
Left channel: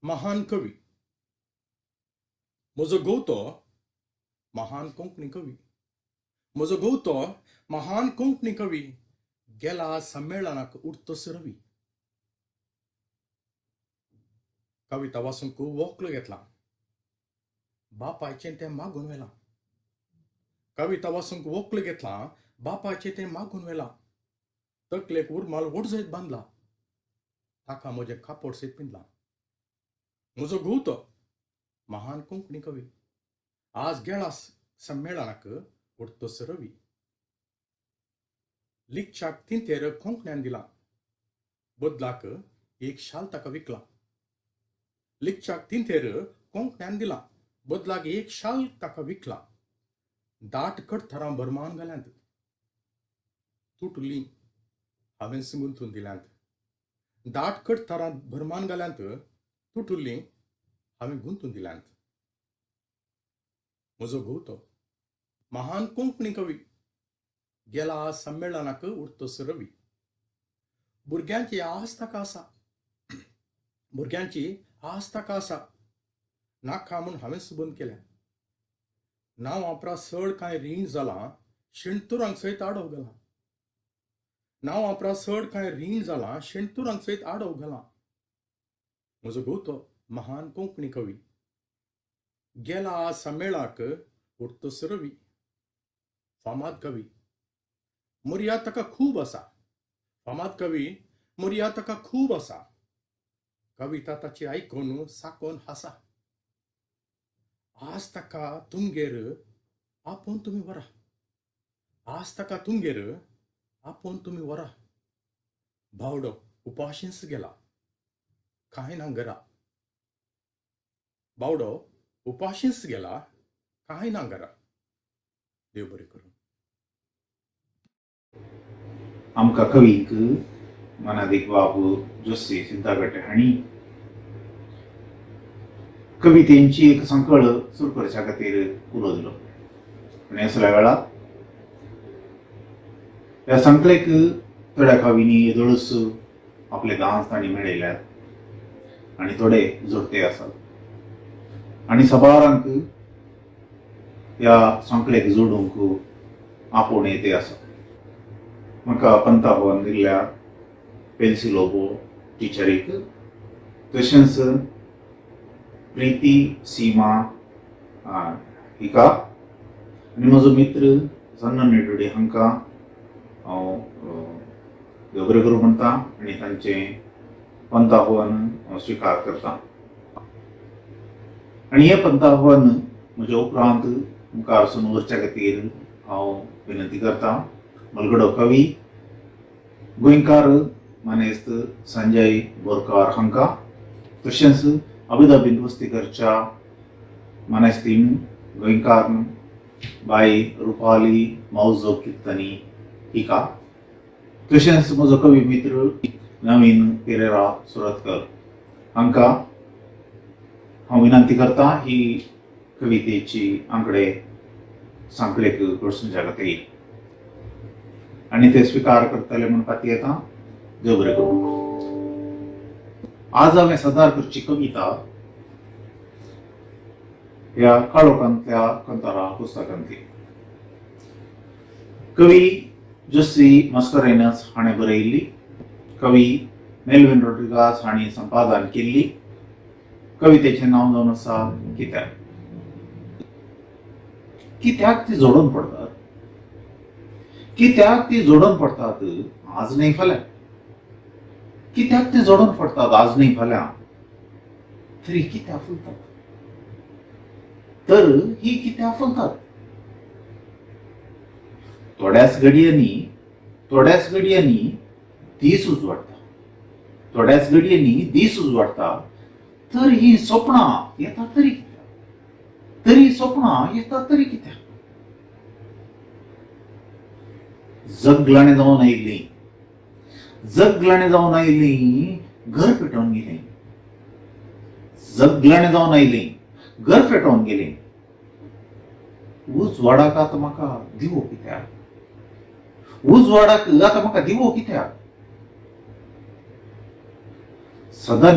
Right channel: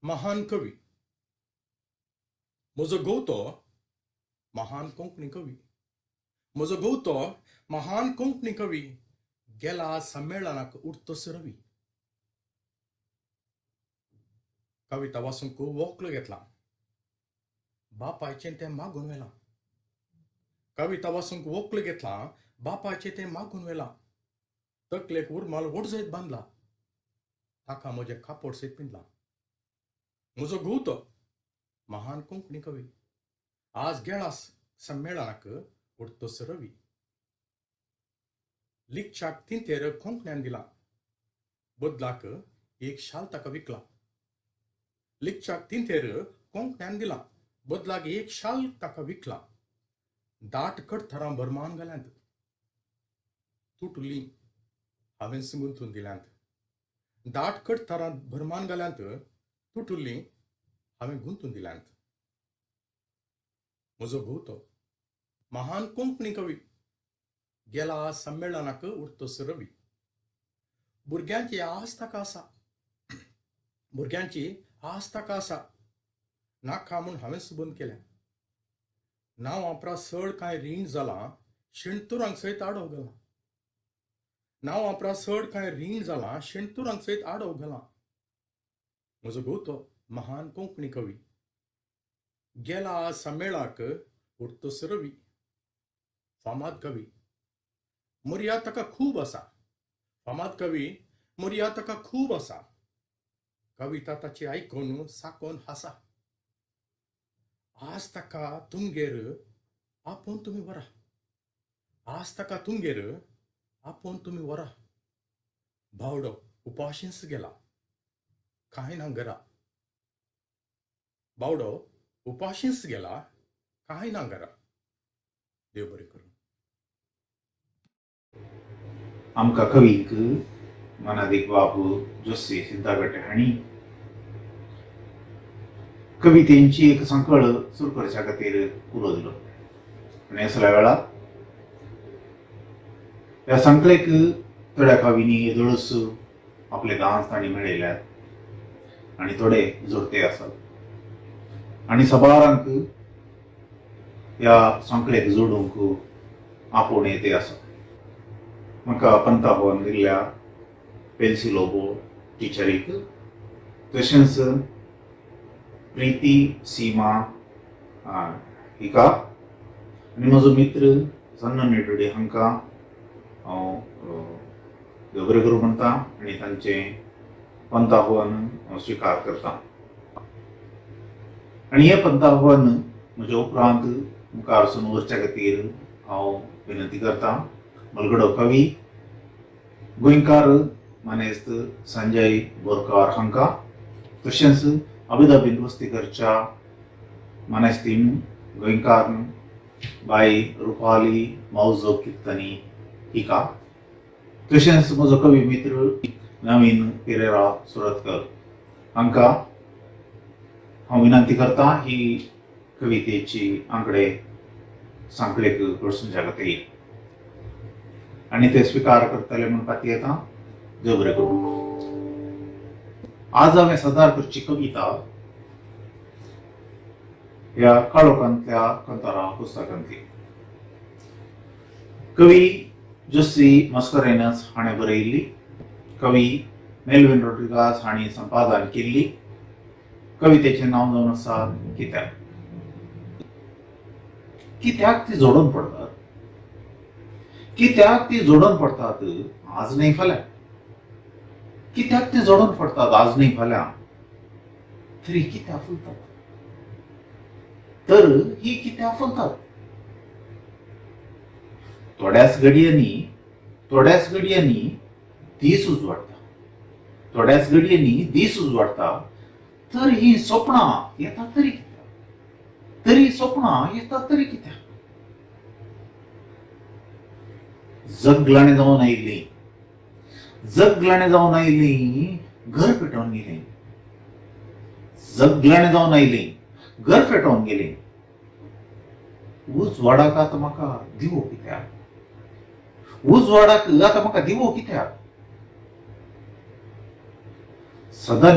महान कवी. म्हजो घोवतो महान कोंकणी कवी. म्हजो घोवतो महान कोंकणी कवी गेला संमेलनाक उरतस रवी. कविता वाचूंक वोकलो घेतला. बापायचें तें मागून वेला. कविता वाचूंक वोकलो घेतला. बापाचें तें मागून वेला. तकलेक उर्माल वडजयत बांदला. ताका म्हजें कापड सयत पिंजला. म्हजो घोवतो महान कोंकणी कवी आज गेला संमेलनाक उरतस रवी. लिखच्याक तिंतेर कोंकण्यान दिला. बदलाक एक शाल ताका विकला. लिखच्याक तिंतेर कोंकण्यान दिला. बदलाक एक शाल ताका विकला. दाट कडथरां भरमान घाल्यांत. तुटली हांवें गुंतून दिल्यांत. दाट कडथरां भरमान घाल्यांत. तुटुल्ली हांवें गुंतून दिल्यांत. म्हजो घोवतो महान कोंकणी कवी गेला संमेलनाक उरतस रवी. भुरग्यांची आस ताका आसा. भुरग्यांची आस ताका आसा. नाका म्हूण हांवें सुबंद केल्या. नांव वापरा सड कांय रीण जालां. शेणतुरांक सयत आडव घालां. नांव वापरा सड कांय रीण जालां. शेणतुरांक सयत आडव घालां. म्हजो घोवतो महान कोंकणी कवी गेला संमेळनाक उरतस रवी. फामाद कवी मर्याद ताका खूब आसा. फामाद कवी मर्याद ताका खूब आसा. कविता ताची आयकून साकोन हासा. आज ताका तुमगेर आपोवन तुमी व्हरा. आज ताका तुमगेर आपोवन तुमी व्हरा. भावडो उपाशींच गेला कांय ना घरा. बावडो उपाशींच गेला कांय ना घरा. देव बरें करूं. आमकां कवीक मनादीक बाबू जोशी सिद्धागट्टे हांणी कवितेंची एक संकळ सुरू करच्या खातीर उलो दिलो. आनी असल्या वेळार ह्या संकळेक थोड्या कवींनी येदोळूच आपले गांव तांणी मेळयल्यात आनी थोडे जोडते आसात. आनी सबारांक ह्या संकळेक जोडूंक आपोवन येते आसा. म्हाका पंत आव्हान दिल्ल्या पेन्सी लोबो टिचरीक तशेंच प्रिती सीमा हिका आनी म्हजो मित्र सन्न नेडुडे हांकां हांव देव बरें करूं म्हणटा आनी तांचें पंत आव्हान स्विकार करता. आनी हें पंत आव्हान म्हज्या उपरांत मुखार वचून व्हरच्या खातीर हांव विनंती करता. मलगडो कवी गोंयकार मानेस्त संजय बोरकार हांकां तशेंच अभिदाबीन वस्तीकरच्या मानेस्तीन गोंयकार बाई रुपाली मावजो किर्तनी हिका तशेंच म्हजो कवी मित्र नवीन पेरेरा सुरतकर हांकां हांव विनंती करता ही कवितेची आंकडे सांकळेक कडसूनच्या खातीर आनी ते स्विकार करतले म्हूण खातीर येता. देव बरें करूं. आज हांवें सादर करची कविता ह्या काळोखांतल्या कंतारा पुस्तकांतली. कवी जोशी मस्करेनस हाणें बरयल्ली. कवी मेल्विन रोड्रिगास हांणी संपादन केल्ली. कवितेचें नांव जावन आसा कित्याक. कित्याक ती जोडून पडतात. कित्याक ती जोडून पडतात आज न्ही फाल्यां. कित्याक ती जोडून पडतात आज न्ही फाल्यां. तरी कित्याक फुलतात. तर ही कित्याक फुलतात. थोड्याच घडयांनी दीस उजवाडटा. थोड्याच घडयांनी दीस उजवाडटा. तर ही स्वप्नां येतात तरी कित्याक. तरी स्वप्नां येतात तरी कित्याक. जगलाणे जावन आयिल्लीं घर पेटोवन गेलीं. जगलाणे जावन आयिल्लीं घर पेटोवन गेलीं. उजवाडाक आतां म्हाका दिवो कित्याक. उजवाडाक आतां म्हाका दिवो कित्याक. सदां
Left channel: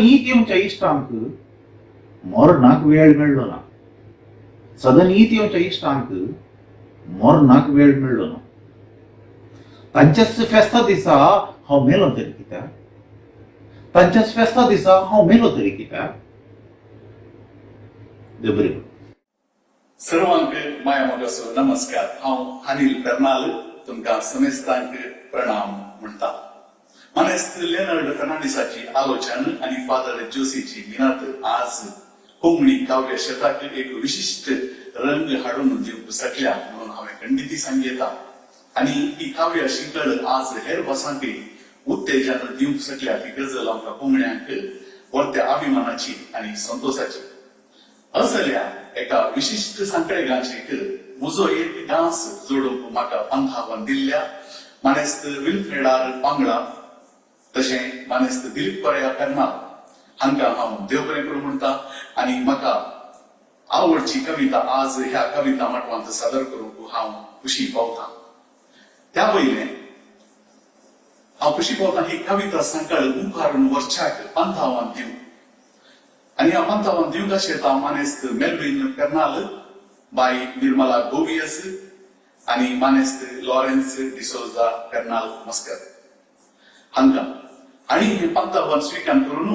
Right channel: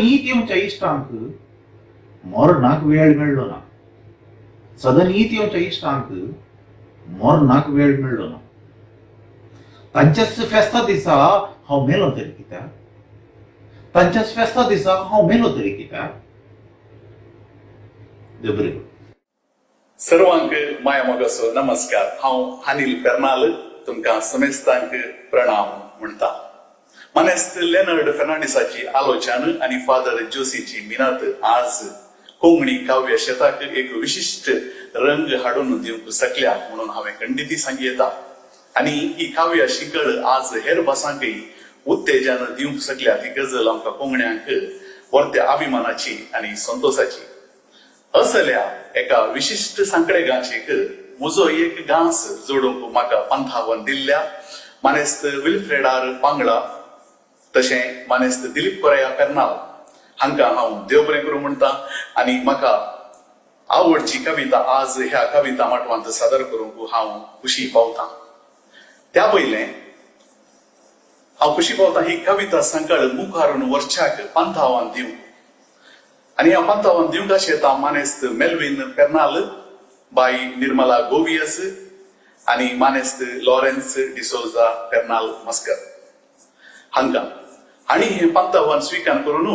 येवच्या इश्टांक मरणाक वेळ मेळ्ळो ना. सदांनीत येवच्या इश्टांक मरणाक वेळ मेळ्ळो ना. तांच्याच फेस्ता दिसा हांव मेलो तरी कित्याक. तांच्याच फेस्ता दिसा हांव मेलो तरी कित्याक. देव बरें करूं. सर्वांक माया मोगाचो नमस्कार. हांव अनिल पेर्नाल तुमकां समेस्तांक प्रणाम म्हणटा. मानेस्त लेनर्ड फर्नांडिसाची आलोचन आनी फादर जोशीची मिनत आज कोंकणी काव्य शेताक एक विशिश्ट रंग हाडून दिवंक शकल्या म्हणून हांवें खंडिती सांगयता. आनी ही काव्य शिकळ आज हेर भासांकय उत्तेजन दिवंक शकल्या ती गजल आमकां कोंकण्यांक परत्या अभिमानाची आनी संतोषाची. असल्या एका विशिश्ट सांकडेगांचेक म्हजो एक गांस जोडूंक म्हाका पंथावन दिल्ल्या मानेस्त विल्फ्रेडार पांगळा तशें मानेस्त दिलीप कोरया पेर्नाल हांकां हांव देव बरें करूं म्हणटा. आनी म्हाका आवडची कविता आज ह्या कविता माटवांत सादर करूंक हांव खुशी पावतां. त्या पयलें हांव खुशी पावतां ही कविता संकळ मुखारून वर्षाक पंथावन दिवं. आनी ह्या पंथावन दिवंक आशेता मानेस्त मेल्विन पेर्नाल, बाई निर्मला गोवियस आनी मानेस्त लॉरेन्स डिसोजा पेर्नाल मस्कर हांकां. आनी हें पंथावन स्विकार करून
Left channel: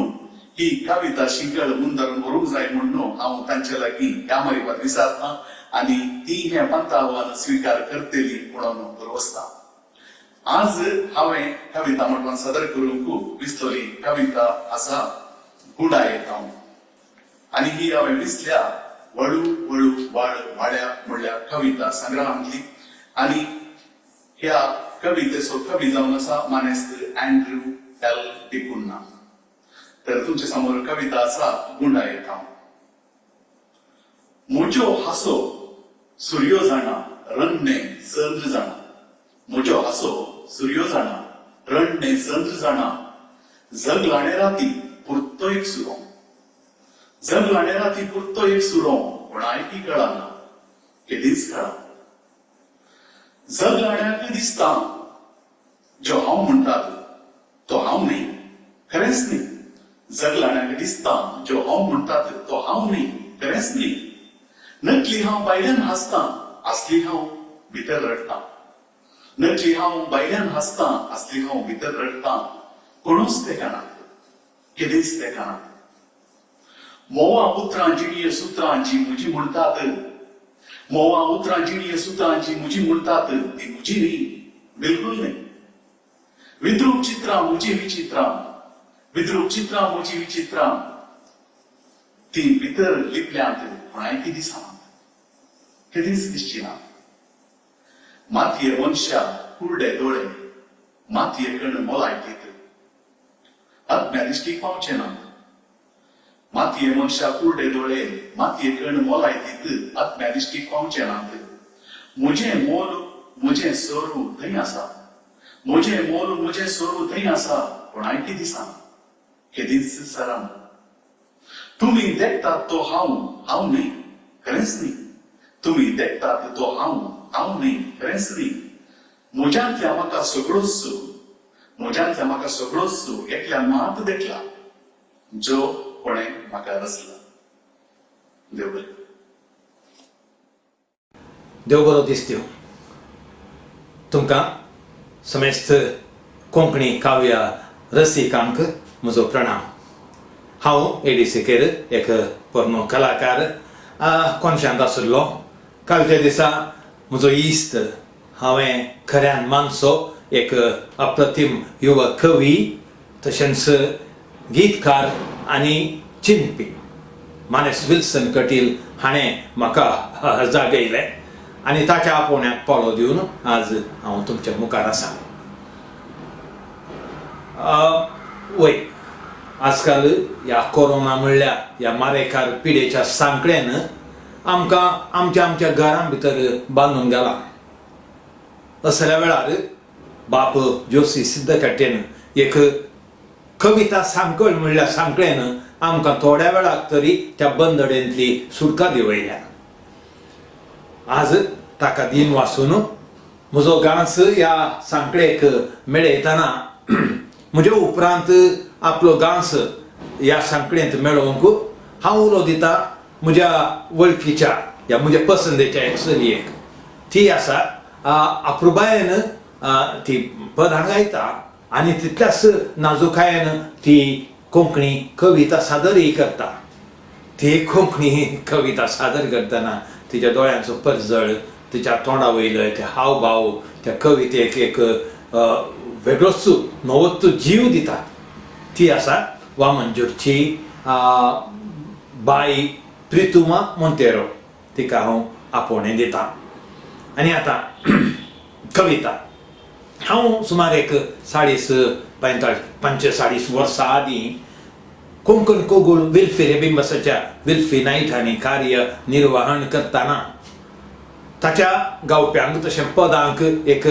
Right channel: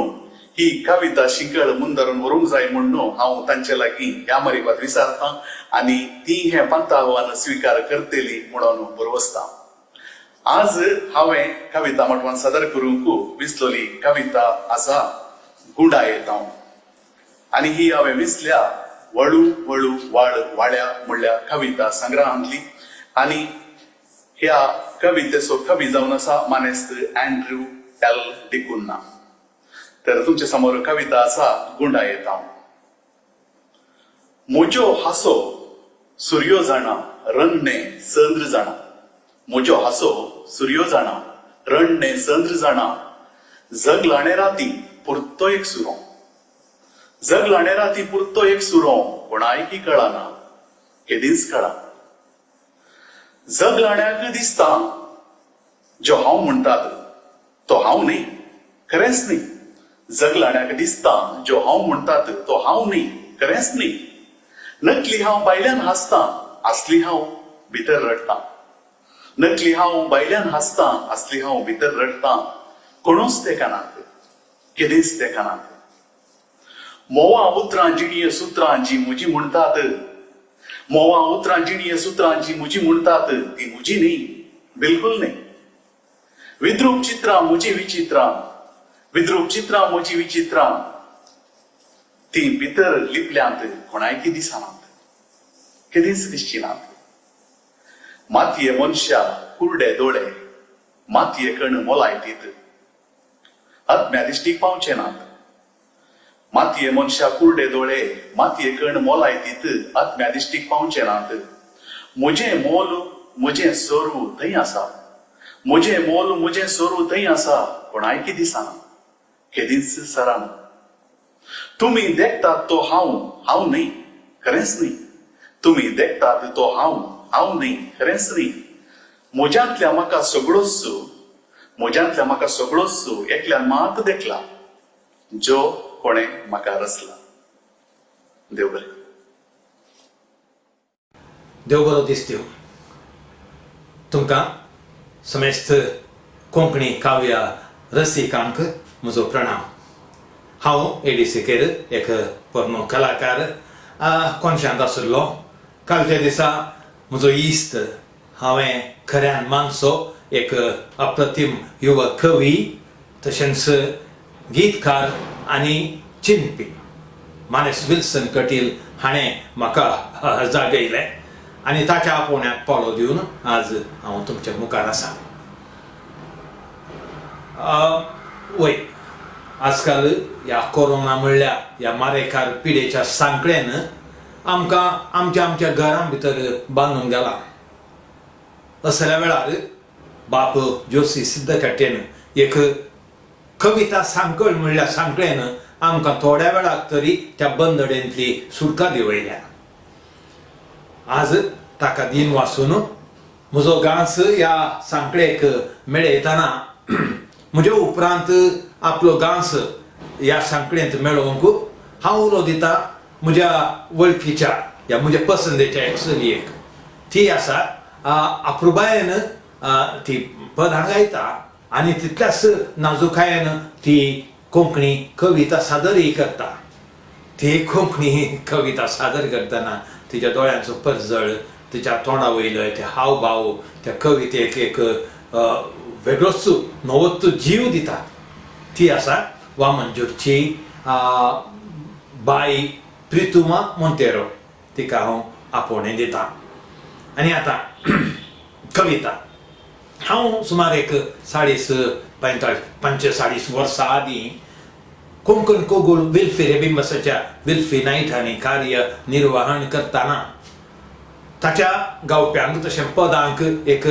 ही कविता शिंकळ मुंदरून व्हरूंक जाय म्हणून हांव तांचे लागीं ह्या मारिपात विचारतां आनी ती हें पंथावन स्विकार करतली म्हणून बरवसता. आज हांवें कविता मटवान सादर करूंक विसलोली कविता आसा गुडायेत हांव. आनी ही हांवें विसल्या वळू वळू वाळ वाड्या म्हणल्या कविता संग्रहांतली. आनी ह्या कवितेचो कवी जावन आसा मानेस्त अँड्रू एल डिकुन्ना. तर तुमचे समोर कविता आसा गुंडायेत हांव. म्हज्यो हासो सुर्यो जाणा रन्ने संद्र जाणा. म्हज्यो हासो सुर्यो जाणा रन्ने संद्र जाणा. जगलाणे राती पुरतो एक सुरो. जगलाणे राती पुरतो एक सुरो कोणायकी कळना केदीच कळा. जगलाण्याक दिसता जो हांव म्हणटात तो हांव न्ही खरेंच न्ही. जगलाण्याक दिसता जो हांव म्हणटात तो हांव न्ही खरेंच न्ही. नकली हांव भायल्यान हांसता असली हांव भितर रडटां. नकली हांव भायल्यान हांसता असली हांव भितर रडटां. कोणूच तेका नात केदेंच तेका नात. मोवा उतरां जिणीय सुत्रां जी म्हजी म्हणटात. मोवा उतरां जिणीय सुत्रां जी म्हजी म्हणटात ती म्हजी न्ही बिलकुल न्ही. विद्रूप चित्रां म्हजी विचित्रां. विद्रूप चित्रां म्हजी विचित्रां. ती भितर लिपल्यांत कोणायकी दिसनात केदीच दिसचिनात. मातये मनशा कुरडे दोळे मातये कण मोलायकीत आत्म्या दिश्टीक पावचे नात. मातये मनशा कुरडे दोळे मातये कण मोलायकीत आत्म्या दिश्टीक पावचे नात. म्हजें मोल म्हजें सोरू थंय आसा. म्हजें मोल म्हजें सोरू थंय आसा कोणायकी दिसना केदीच सराना. तुमी देखतात तो हांव न्ही खरेंच न्ही. तुमी देखतात तो हांव न्ही खरेंच न्ही. म्हज्यांतल्या म्हाका सगळोच म्हज्यांतल्या म्हाका सगळोच एकल्यान मात देखला जो कोणें म्हाका रचला. देव बरें. देव बरो दीस दिवं तुमकां समेस्त कोंकणी काव्य रसिकांक म्हजो प्रणाम. हांव एडीसीकेर एक पोरनो कलाकार कोनशांत आशिल्लो. कालच्या दिसा म्हजो इश्ट हांवें खऱ्यान मानसो एक अप्रतिम युवा कवी तशेंच गीतकार आनी चिंतपी मानेस विल्सन कटील हाणें म्हाका जागयलें आनी ताच्या आपोवण्याक पावलो दिवन आज हांव तुमच्या मुखार आसा. वय आजकाल ह्या कोरोना म्हणल्या ह्या मारेकार पिडेच्या सांकड्यान आमकां आमच्या घरां भितर बांदून गेला. असल्या वेळार बाप जोशी सिद्धकट्टेन एक कविता सांकळ म्हणल्या सांकळेन आमकां थोड्या वेळाक तरी त्या बंदडेंतली सुटका दिवयल्या. आज ताका दिन वाचून म्हजो गांस ह्या सांकळेक मेळयतना म्हज्या उपरांत आपलो गांस ह्या सांकळेंत मेळोवंक हांव उलो दिता म्हज्या वळखीच्या ह्या म्हज्या पसंदेच्या एक चलयेक. ती आसा अप्रुबायेन ती पदां गायता आनी तितल्याच नाजूकायेन ती कोंकणी कविता सादरय करता. ती कोंकणी कविता सादर करतना तिच्या दोळ्यांचो परजळ, तिच्या तोंडा वयले ते हावभाव त्या कवितेक एक वेगळोच नवोच जीव दिता. ती आसा वामनजोरची बाई प्रितुमा मोंतेरो. तिका हांव आपोवणें दिता. आनी आतां कविता. हांव सुमार एक 45 वर्सां आदीं कोंकण कोगुल विल्फी रेबिंबसाच्या विल्फी नायटांनी कार्य निर्वहण करतना ताच्या गावप्यांक तशें पदांक एक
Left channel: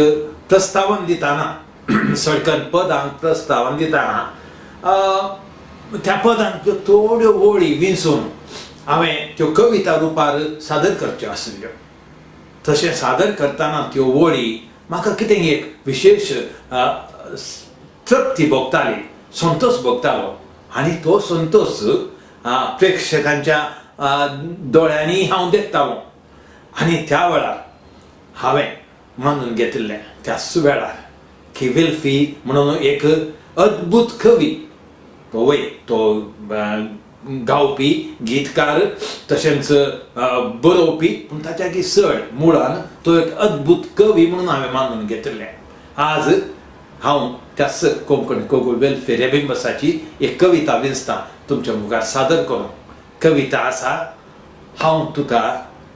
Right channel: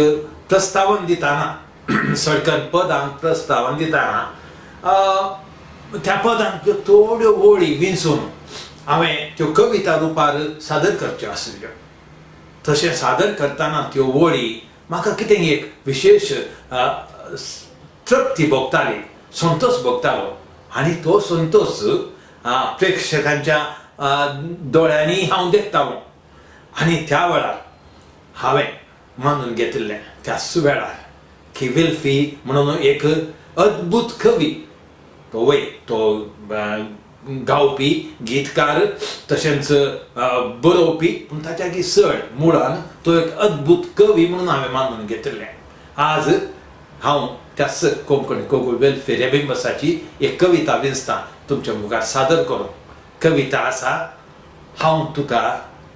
प्रस्तावन दिताना सडकन पदांक प्रस्तावन दिताना त्या पदांक थोड्यो वळी विंचून हांवें त्यो कविता रुपार सादर करच्यो आशिल्ल्यो. तशें सादर करतना त्यो वळी म्हाका कितें एक विशेष तृप्ती भोगताली, संतोष भोगतालो. आनी तो संतोष प्रेक्षकांच्या दोळ्यांनी हांव देखतालो. आनी त्या वेळार हांवें मानून घेतिल्लें त्याच वेळार की विल्फी म्हणून एक अद्भुत कवी तो गावपी गीतकार तशेंच बरोवपी पूण ताच्या चड मुळान तो एक अद्भुत कवी म्हणून हांवें मानून घेतिल्लें. आज हांव त्याच कोंकणी कोगुल वेल्फेर रेबिंबसाची एक कविता विंचतां तुमच्या मुखार सादर करूं. कविता आसा हांव तुका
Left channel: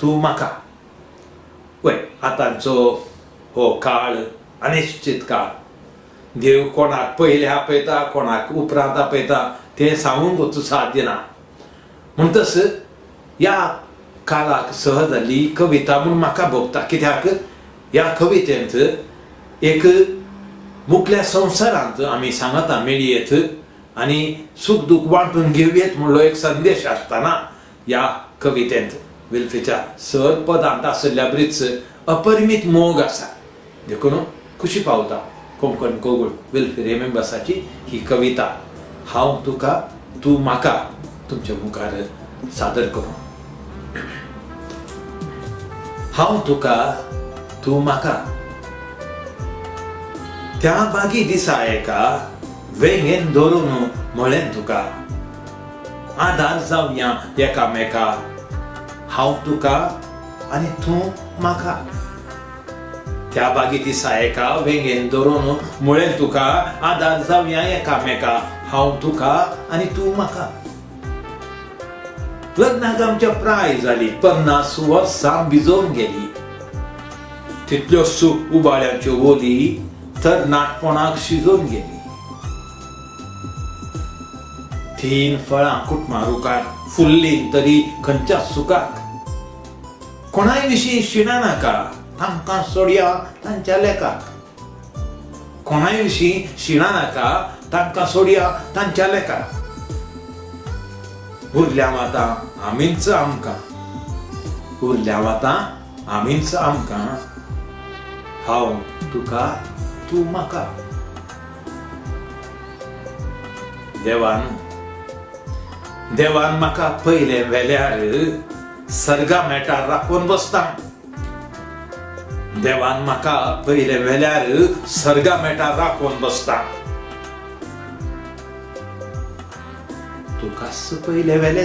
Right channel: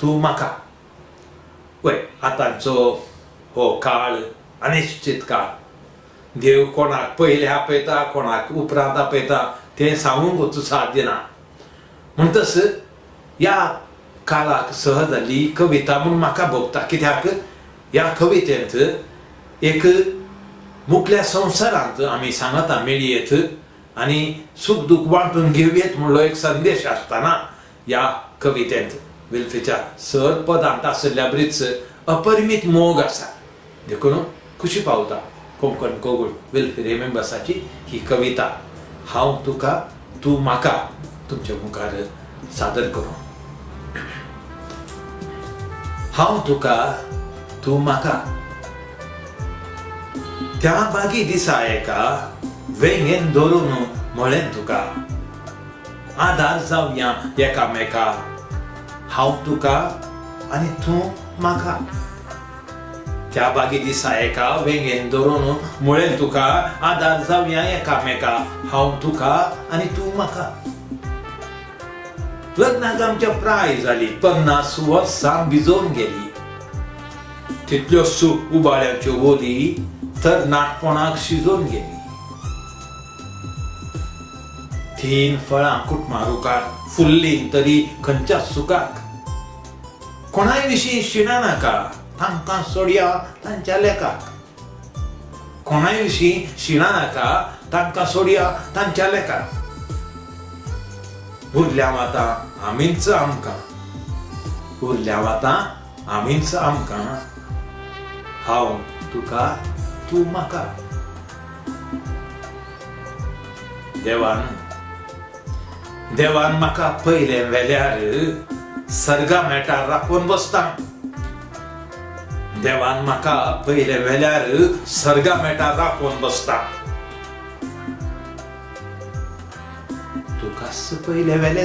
तूं म्हाका. वय आतांचो हो काळ अनिश्चित काळ. देव कोणाक पयले आपयता कोणाक उपरांत आपयता तें सांगूंकूच साध्य ना. म्हणटच ह्या काळाक सहज जाल्ली कविता म्हूण म्हाका भोगता. कित्याक ह्या कवितेंत एक मुखल्या संवसारांत आमी सांगता मेळयेत आनी सूख दूख वांटून घेवयेत म्हणलो एक संदेश आसतना ह्या कवितेंत विल्फीच्या सर पदांत आशिल्ल्या बरीच अपरिमीत मोग आसा. देखून खुशी पावता कोंकण कोगुळ विल्फी रेबिंबसाची ही कविता हांव तुका तूं म्हाका तुमच्या मुखार सादर करूं. हांव तुका तूं म्हाका. त्या बागी दिसा एका वेंगेन धरून म्हळें तुका आदार जावया एकामेका. हांव तुका आनी तूं म्हाका. त्या बागी दिसा एका वेंगेन धरून म्हळें तुका आदार जावया एकामेका. हांव तुका आनी तूं म्हाका. लग्नाक आमच्या प्राय जाली 50 वर्सां भिजोवन गेली. तितल्योच उबाळ्याच्यो ओली तर नाटपणाक शिजोवन गेली. 3 फळां कुटमारुकार फुल्लीं तरी खंयच्या सुखाक. कोणाय विशीं शिणा नाका तांकां सोडया तांच्या लेकाक. कोणाय विशीं शिणा नाका तांकां सोडया तांच्या लेकाक. उरल्या वतां आमीच आमकां. उरल्या वतां आमीच आमकां. हांव तुका तूं म्हाका. देवान म्हाका पयले वेल्यार सर्गा मेटार राखून बसता. देवान म्हाका पयले वेल्यार सर्गा मेटा राखून बसता. तुकाच पयले वेले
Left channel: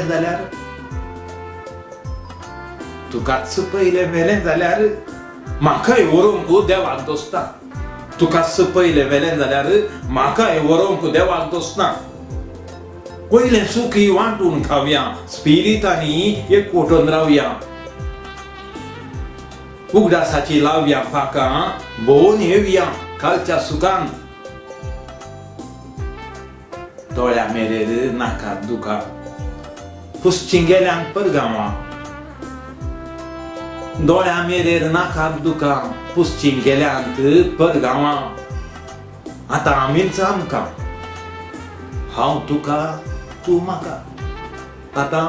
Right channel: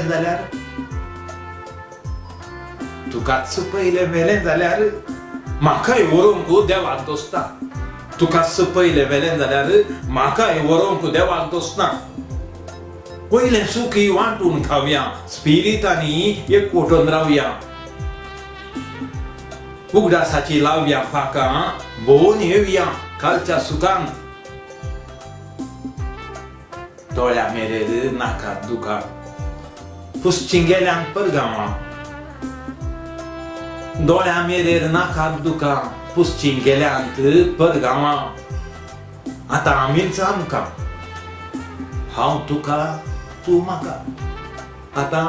जाल्यार म्हाकाय व्हरूंक देवाक दोसता. तुकाच पयले वेले जाल्यार म्हाकाय व्हरूंक देवाक दोसना. पयले सुखी वांटून खावया, स्पिरितांनी एकवटून रावया. उगडासाची लावया फाकां, भोवून येवया कालच्या सुखांत. दोळ्या मेरेर नाकात दुखा, पुसची गेल्यांक परगांवां. दोळ्या मेरेर नाकात दुखा, पुसची गेल्यांत परगांवां. आतां आमीच आमकां, हांव तुका तूं म्हाका. आतां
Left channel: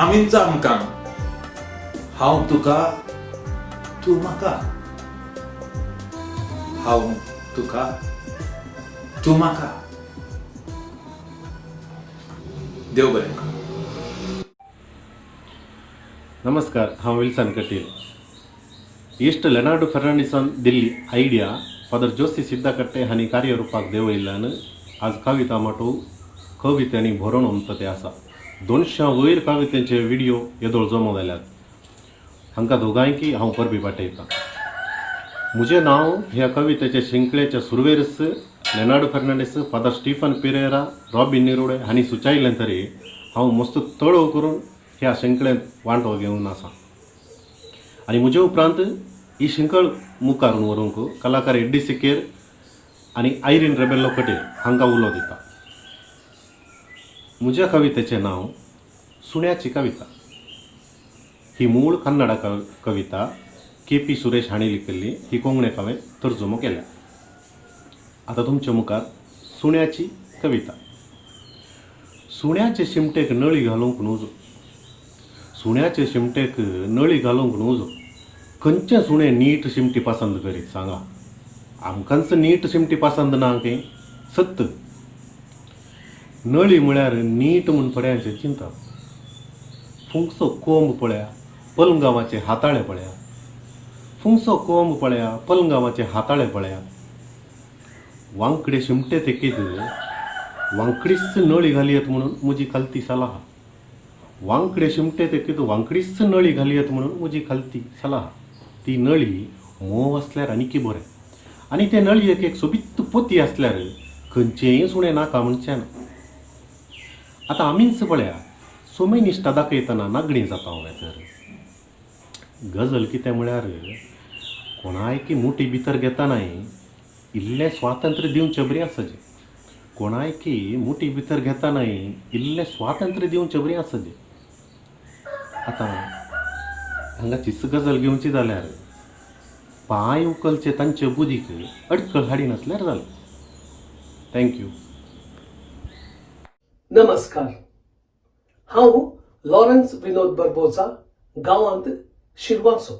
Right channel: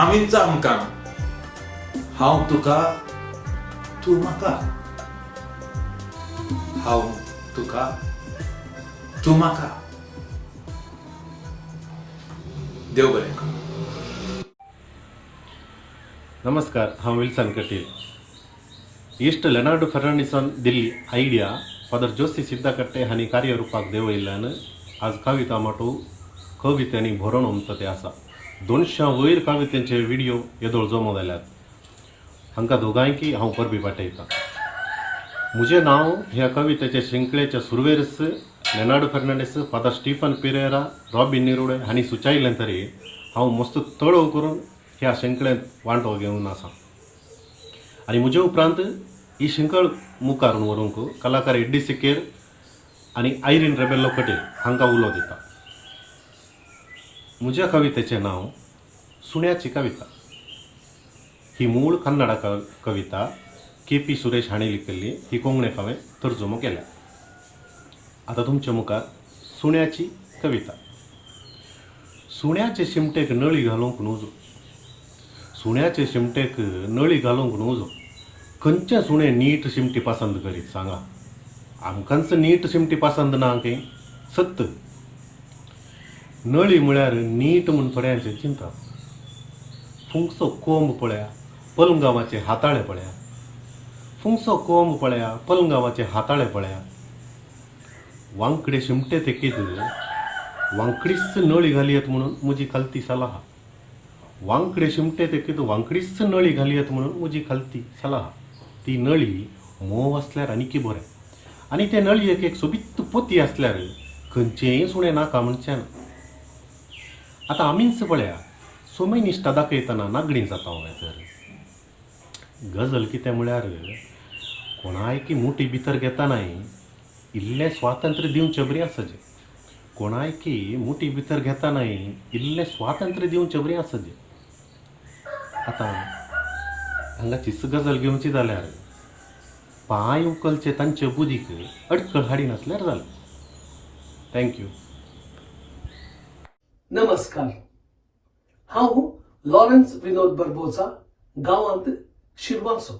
आमीच आमकां, हांव तुका तूं म्हाका. हांव तुका तूं म्हाका. देव बरें करूं. नमस्कार, हांव विल्सन कटील. इश्ट लेनार्डो फर्नांडीसान दिल्ली आयडिया फादर जोसी सिद्धाकट्टे हांणी कार्यरुपाक देंवयल्ल्यान आज कविता माटो कवितांनी भरून उमता ते आसा. 200 वयर कवितेंचे व्हिडिओ येदोळ जमो जाल्यात. हांकां दोगांयकी हांव परबी पाठयतां. म्हजें नांव ह्या कवितेच्या शिंकळेच्या सुरवेरस Leonardo Fernandes, father Stephen Pereira, Robin Nirode हांणी सुचयलें तरी हांव मस्त तळव करून ह्या शिंकळेंत वांटो घेवन आसा. आनी म्हजे उपरांत ही शिंकळ मुखार व्हरूंक कलाकार एड्डी सिकेर आनी आयरीन रेबेल्लो कटील हांकां उलो दिता. म्हज्या कवितेचें नांव सुण्याची कविता. ही मूळ कन्नडा कविता KP सुरेश हांणी लिखिल्ली. ही कोंकणी हांवें तर्जुमो केल्या. आतां तुमच्या मुखार सुण्याची कविता. सुण्याचे शिमटेक नळी घालूंक नजो, सुण्याचे शिमटेक नळी घालूंक नजो. खंयचें सुणें नीट शिमटी पसंद करीत सांगा. आमकांच नीट शिमटी पसंद ना की सत्त. नळी म्हळ्यार नीट म्हूण थोड्यांचे चिंता. फुंकसो कोंब पळया, पलंगावाचे हाताळे पळया. फुंकसो कोंब पळया, पलंगावाचे हाताळे पळया. वांकडे शिमटे तेकीत वांकडीच नळी घालयत म्हणून म्हजी खालती सलाह. वांकडे शिमटे तेकीत वांकडीच नळी घालयत म्हणून म्हजी खालती सलाह. ती नळी मोव आसल्यार आनीकी बरें. आनी ते नळयेक एक सोबीत पोती आसल्यार खंयचेंय सुणें नाका म्हणचें ना. आतां आमीच पळया, सोमय निश्टा दाखयतना नागडी जाता हांवें तर. गजल कितें म्हळ्यार कोणायकी मुठी भितर घेतानाय इल्लें स्वातंत्र्य दिवचें बरें आसचें. कोणायकी मुठी भितर घेतानाय इल्लें स्वातंत्र्य दिवचें बरें आसचें. आतां हांगा चिस गजल घेवची जाल्यार पांय उखलचे तांचे बुदीक अडकळ हाडी नासल्यार जालें. थँक्यू. नमस्कार, हांव लॉरेन्स विनोद बर्बोजा, गांवांत शिरवांचो.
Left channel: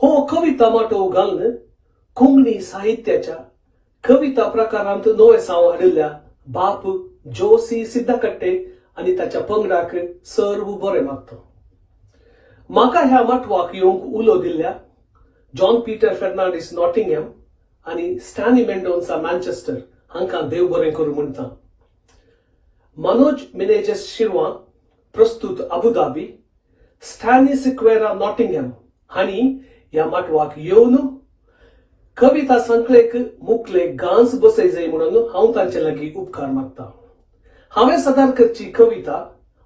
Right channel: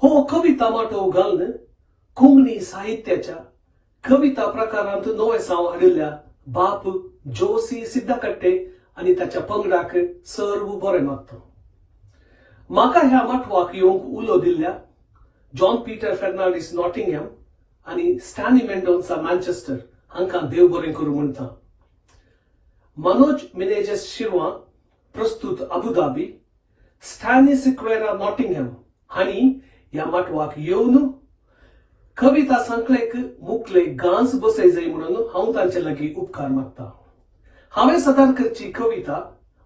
हो कविता माटो घालून कोंकणी साहित्याच्या कविता प्रकारांत नवेसांव हाडिल्ल्या बाप जोसी सिद्धाकट्टे आनी ताच्या पंगडाक सर्व बरें मागता. म्हाका ह्या मटवाक येवंक उलो दिल्ल्या जॉन पीटर फेर्नांडीस नॉटिंगहॅम आनी स्टॅनी मेंडोन्सा मॅन्चेस्टर हांकां देव बरें करूं म्हणटा. मनोज मिनेजस शिरवां, प्रस्तुत अबुधाबी, स्टॅनी सिक्वेरा नॉटिंगहॅम हांणी ह्या मटवाक येवन कविता संकलेक मुखले गांज बसय जाय म्हणून हांव तांचे लागीं उपकार मागता. हांवें सादर करची कविता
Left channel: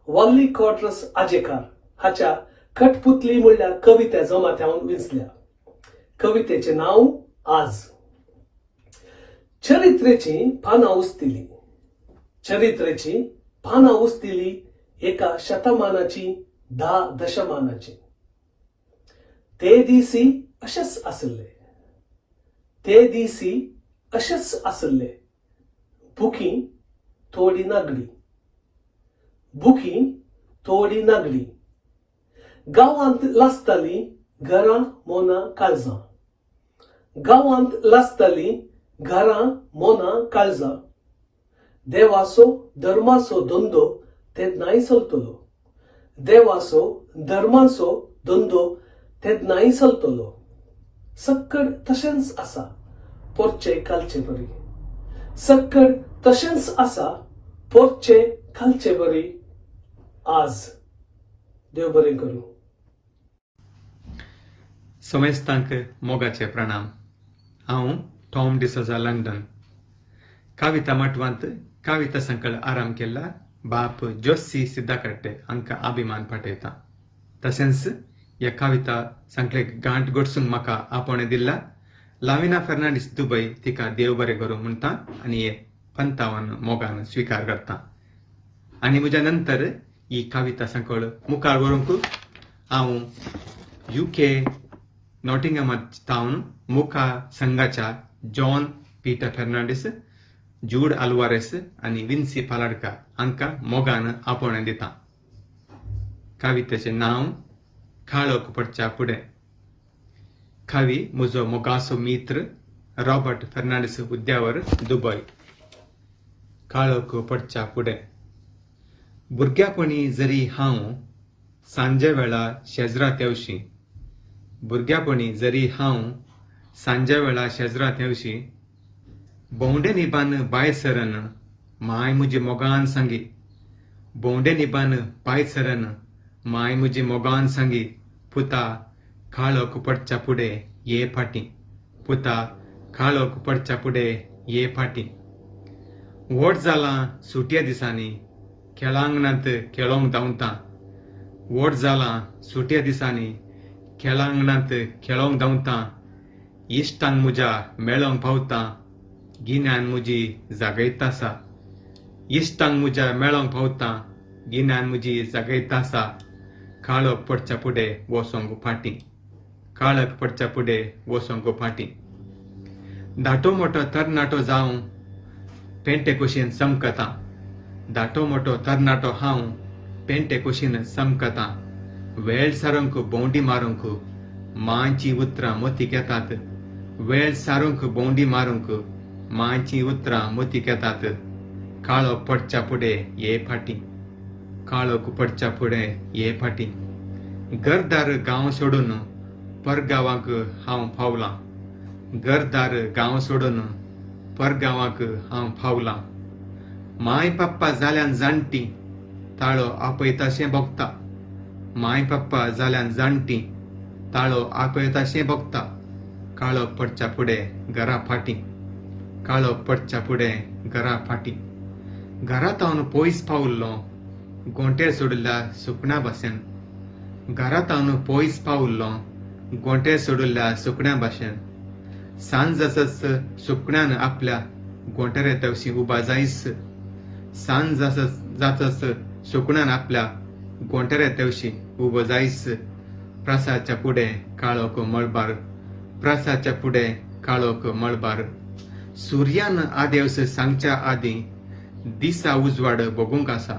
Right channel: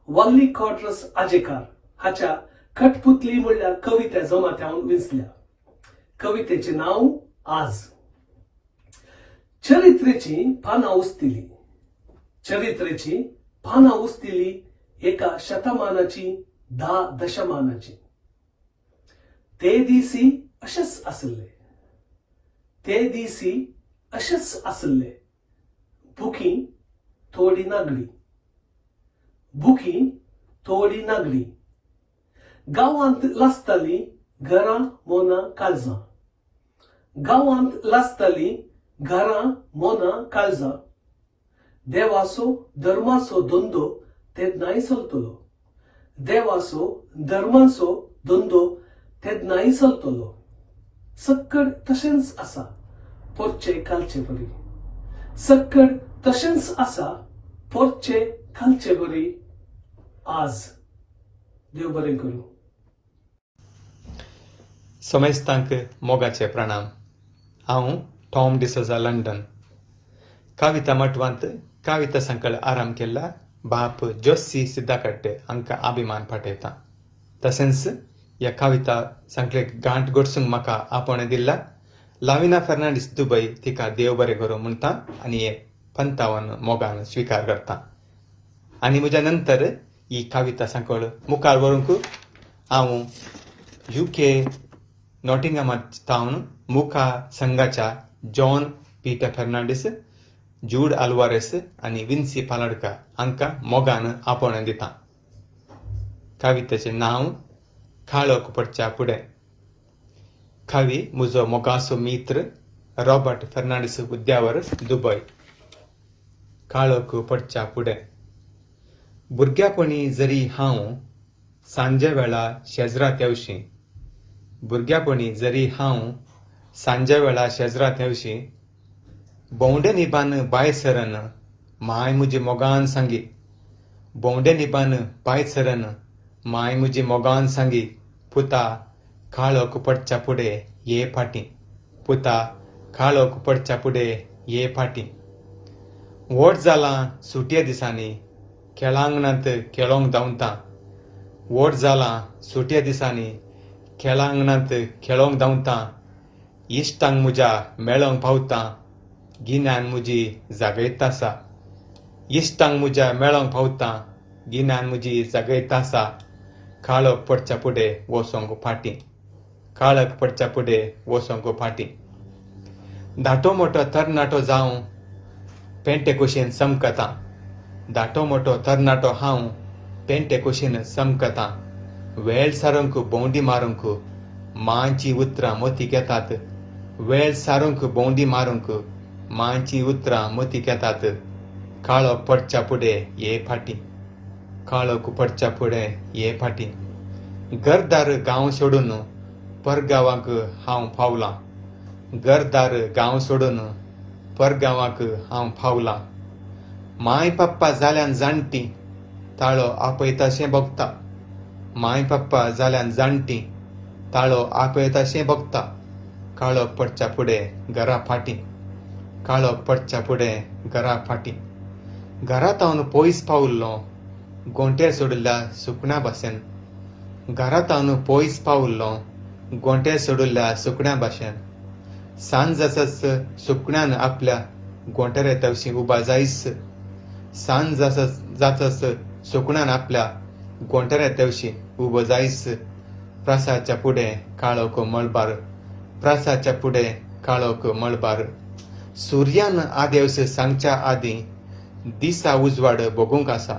वल्ली कॉट्रस आजेकार हाच्या कठपुतली म्हणल्या कवित्या जमात्यावन विंचल्या. कवितेचें नांव आज. चरित्रेची पानां उस्तिली, चरित्रेची पानां उस्तिली एका शतमानाची 10 दशमानाची. ते दिसी अशेंच आसले, ते दिसी अशेंच आसले. बुकी थोडी नागडी, बुकी थोडी नागडी. गांवांत लासताली घरां मोना काळजां, गांवांत लासताली घरां मोना काळजां. देवाचो धर्माचो धंदो ते नाही चलतलो, देवाचो धर्माचो धंदो तेद नाही चलतलो सक्कड तशेंच आसा पोरचे कालचे बरी सक्कड तशेंच आसा पोरचे कालचे बरी आज देव बरें करूं. समेस्तांक मोगाचे प्रणाम. हांव टॉम डिसोजा लंडन. काविता मटवांत काविता संकळ आराम केला बाप जोशी सिद्धाकट्टे हांकां अभिमान पाठयता. तशेंच ह्या काविता संकळेक गांठ गोडसूंक म्हाका आपोवणें दिला लाविना फर्नांडीस दुबय तिका देव बरें करूं म्हणटा आनी हे 55 मोगान स्विकार करता. आनी म्हज्या नंतर ही काविता संकळ मुखार व्हरूंक हांव UK नॉटिंगहॅम टावन मुखा संघाच्या जॉन पीटर फर्नांडीस, जूड आल्वारेस आनी विन्सी पालाडका हांकां मोगान आपोवणें दिता. कावितेचें नांव खाळोक पडच्या फुडें. कवी म्हजो मोगाचो मित्र रॉबर्ट फर्नांडीस उद्यावर दुबय. काळोक पडच्या फुडें. भुरग्यापणी जरी हांव सांजे वेळा शेजरात येवशीं भुरग्यापणी जरी हांव सांजे वेळा शेजरात येवशीं भोंवडे निबान भायर सरन माय म्हजी मोगान सांगी भोंवडे निबान भायर सरन माय म्हजी मोगान सांगी पुता काळोक पडच्या फुडें ये फाटीं पुता काळोक पडच्या फुडें ये फाटीं. व्हड जालां सुटये दिसांनी खेळांगणांत खेळोंक धांवता व्हड जालां सुटये दिसांनी खेळांगणांत खेळोंक धांवता इश्टांक म्हज्या मेळोंक पावता गिन्यान म्हजी जागयत आसा इश्टांक म्हज्या मेळोंक पावता गिन्यान म्हजी जागयत आसा. काळोक पडच्या फुडें वचोंक फाटीं काळोक पडच्या फुडें वचोंक फाटीं. धाटो मोठो तरणाटो जावं पेंटे कुशीन समकता धाटो मोठो तरणाटो हांव पेंटे कुशीन समकता. वेळ सारूंक भोंवडी मारूंक मांची उतरां मोती घेतात वेळ सारूंक भोंवडी मारूंक मांची उतरां मोती घेतात. काळोक पडच्या फुडें ये फाटीं काळोक पडच्या फुडें ये फाटीं. घरदार गांव सोडून परगांवांक हांव पावलां घरदार गांव सोडून परगांवांक हांव पावलां. माय पप्पा जाल्यान जाणटी ताळो आपयताशें भोगता माय पप्पा जाल्यान जाणटी ताळो आपयताशें भोगता. काळोक पडच्या फुडें घरा फाटीं काळोक पडच्या फुडें घरा फाटीं. घरांत पयस पावल्लो गोंटेर सोडिल्ल्या सुकण्या भाशेन घरांत पयस पावल्लो गोंटेर सोडिल्ल्या सुकण्या भाशेन. सांज जासच सुकण्यान आपल्या गोंटेर तवशीं उबा जायस सांज जाचस सुकण्यान आपल्या गोंटेर तवशीं उबो जायस. प्रासाच्या फुडें काळोक मळबार प्रासाच्या फुडें काळोक मळबार. सुर्यान आदेवस सांगच्या आदीं दिसा उजवाड भोगूंक आसा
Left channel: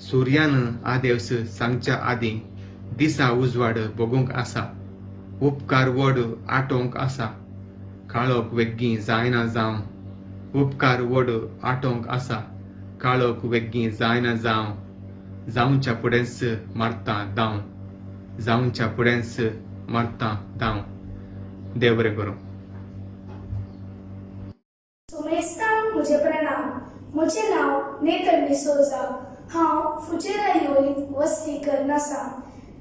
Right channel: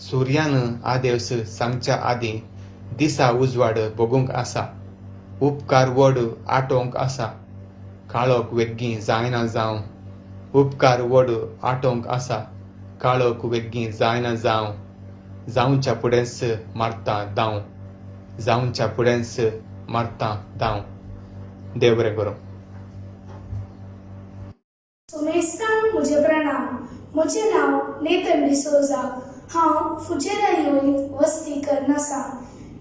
सुर्यान आदेवस सांगच्या आदीं दिसा उजवाड भोगूंक आसा. उपकार वड आटोवंक आसा काळोक वेग्गी जायना जावं उपकार वड आटोवंक आसा काळोक वेग्गी जायना जावं. जावच्या फुडेंच मारता दाव जावच्या फुडेंच मारता दाव. देव बरें करूं. सोमेस्तांक म्हजे प्रणाम. म्हजें नांव नेथन डिसोजा. हांव फुजेरा युएंत वस्ती करन आसा.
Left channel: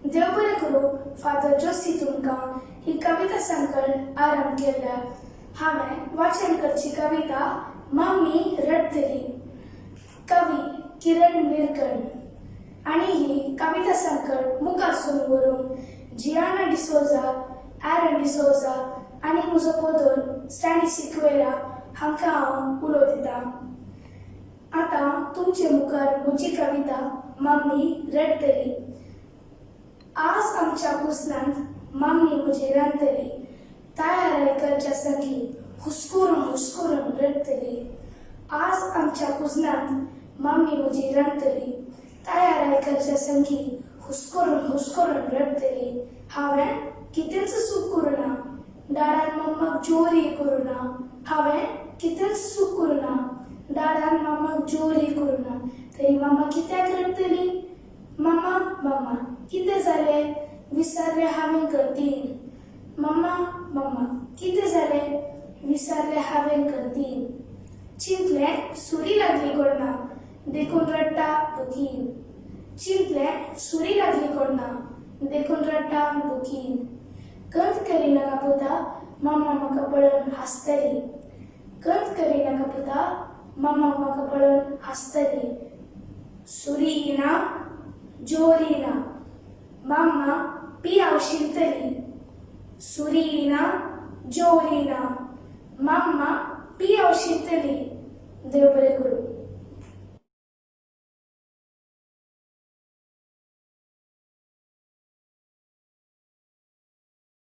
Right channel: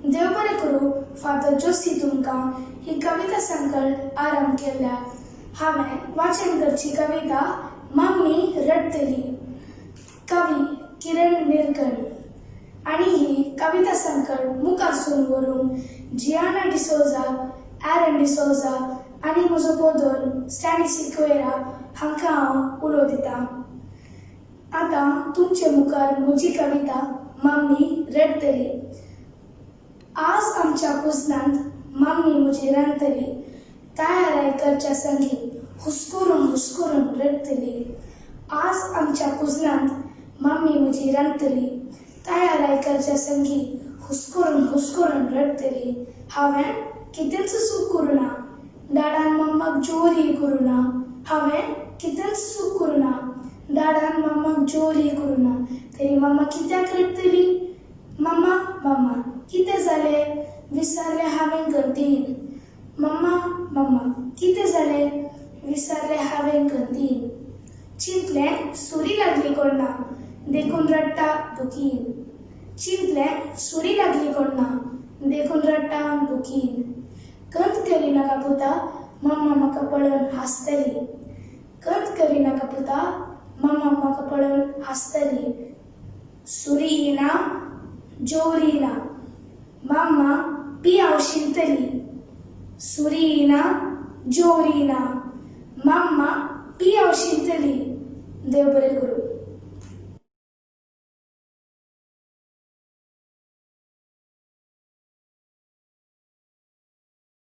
देव बरें करूं फादर जोशी तुमकां ही कविता संकळ आराम केल्या. हांवें वाचन करची कविता मम्मी रडतली. कवी किरण निरकण. आनी ही कविता संकळ मुखार सून व्हरूंक जियाना डिसोजा, एरन डिसोजा आनी म्हजो पोदोल स्टॅनी सिक्वेरा हांकां हांव उलो दितां. आतां तुमचे मुखार म्हजी कविता मम्मी रडतली. आज आमच्या कुजनांत मम्मी म्हजी रांदतली. तयाराय करच्या संगी हुस्कोरून रडतली. आज आमच्या कुजनांत मम्मी म्हजी रांदतली. तयाराय करच्या संगी हुस्कोरून रडतली. हांवें कितेंच चूक करूं ना. डाडान मम्माक जोरी करूं ना. हांवें कितेंच चूक करूं ना. डाडान मम्माक जोरी करूं ना. तरी मम्मा कित्याक रडतली. मम्मा कितें जालें. विसरले हांवें कंदील. मम्मा मम्मा कितें जालें? विसरले हांवें कंदील. चिंतलें सुरी लागली कोण ना, देखून रडटा दुखीन. चिंतलें सुरी लागली कोण ना, देखून रडटा दुखीन. कंत करिनाका पुता, मम्मा म्हाका पळोवन हांसतली. कंत करिनाका पुता, मम्मा म्हाका पळोवन हांसतली. सुरी येना, जोर येना, मम्मा पियाव शिंतली. सुरी येना, जोर येना, मम्मा पियाव शिंतली. देव बरें करूं.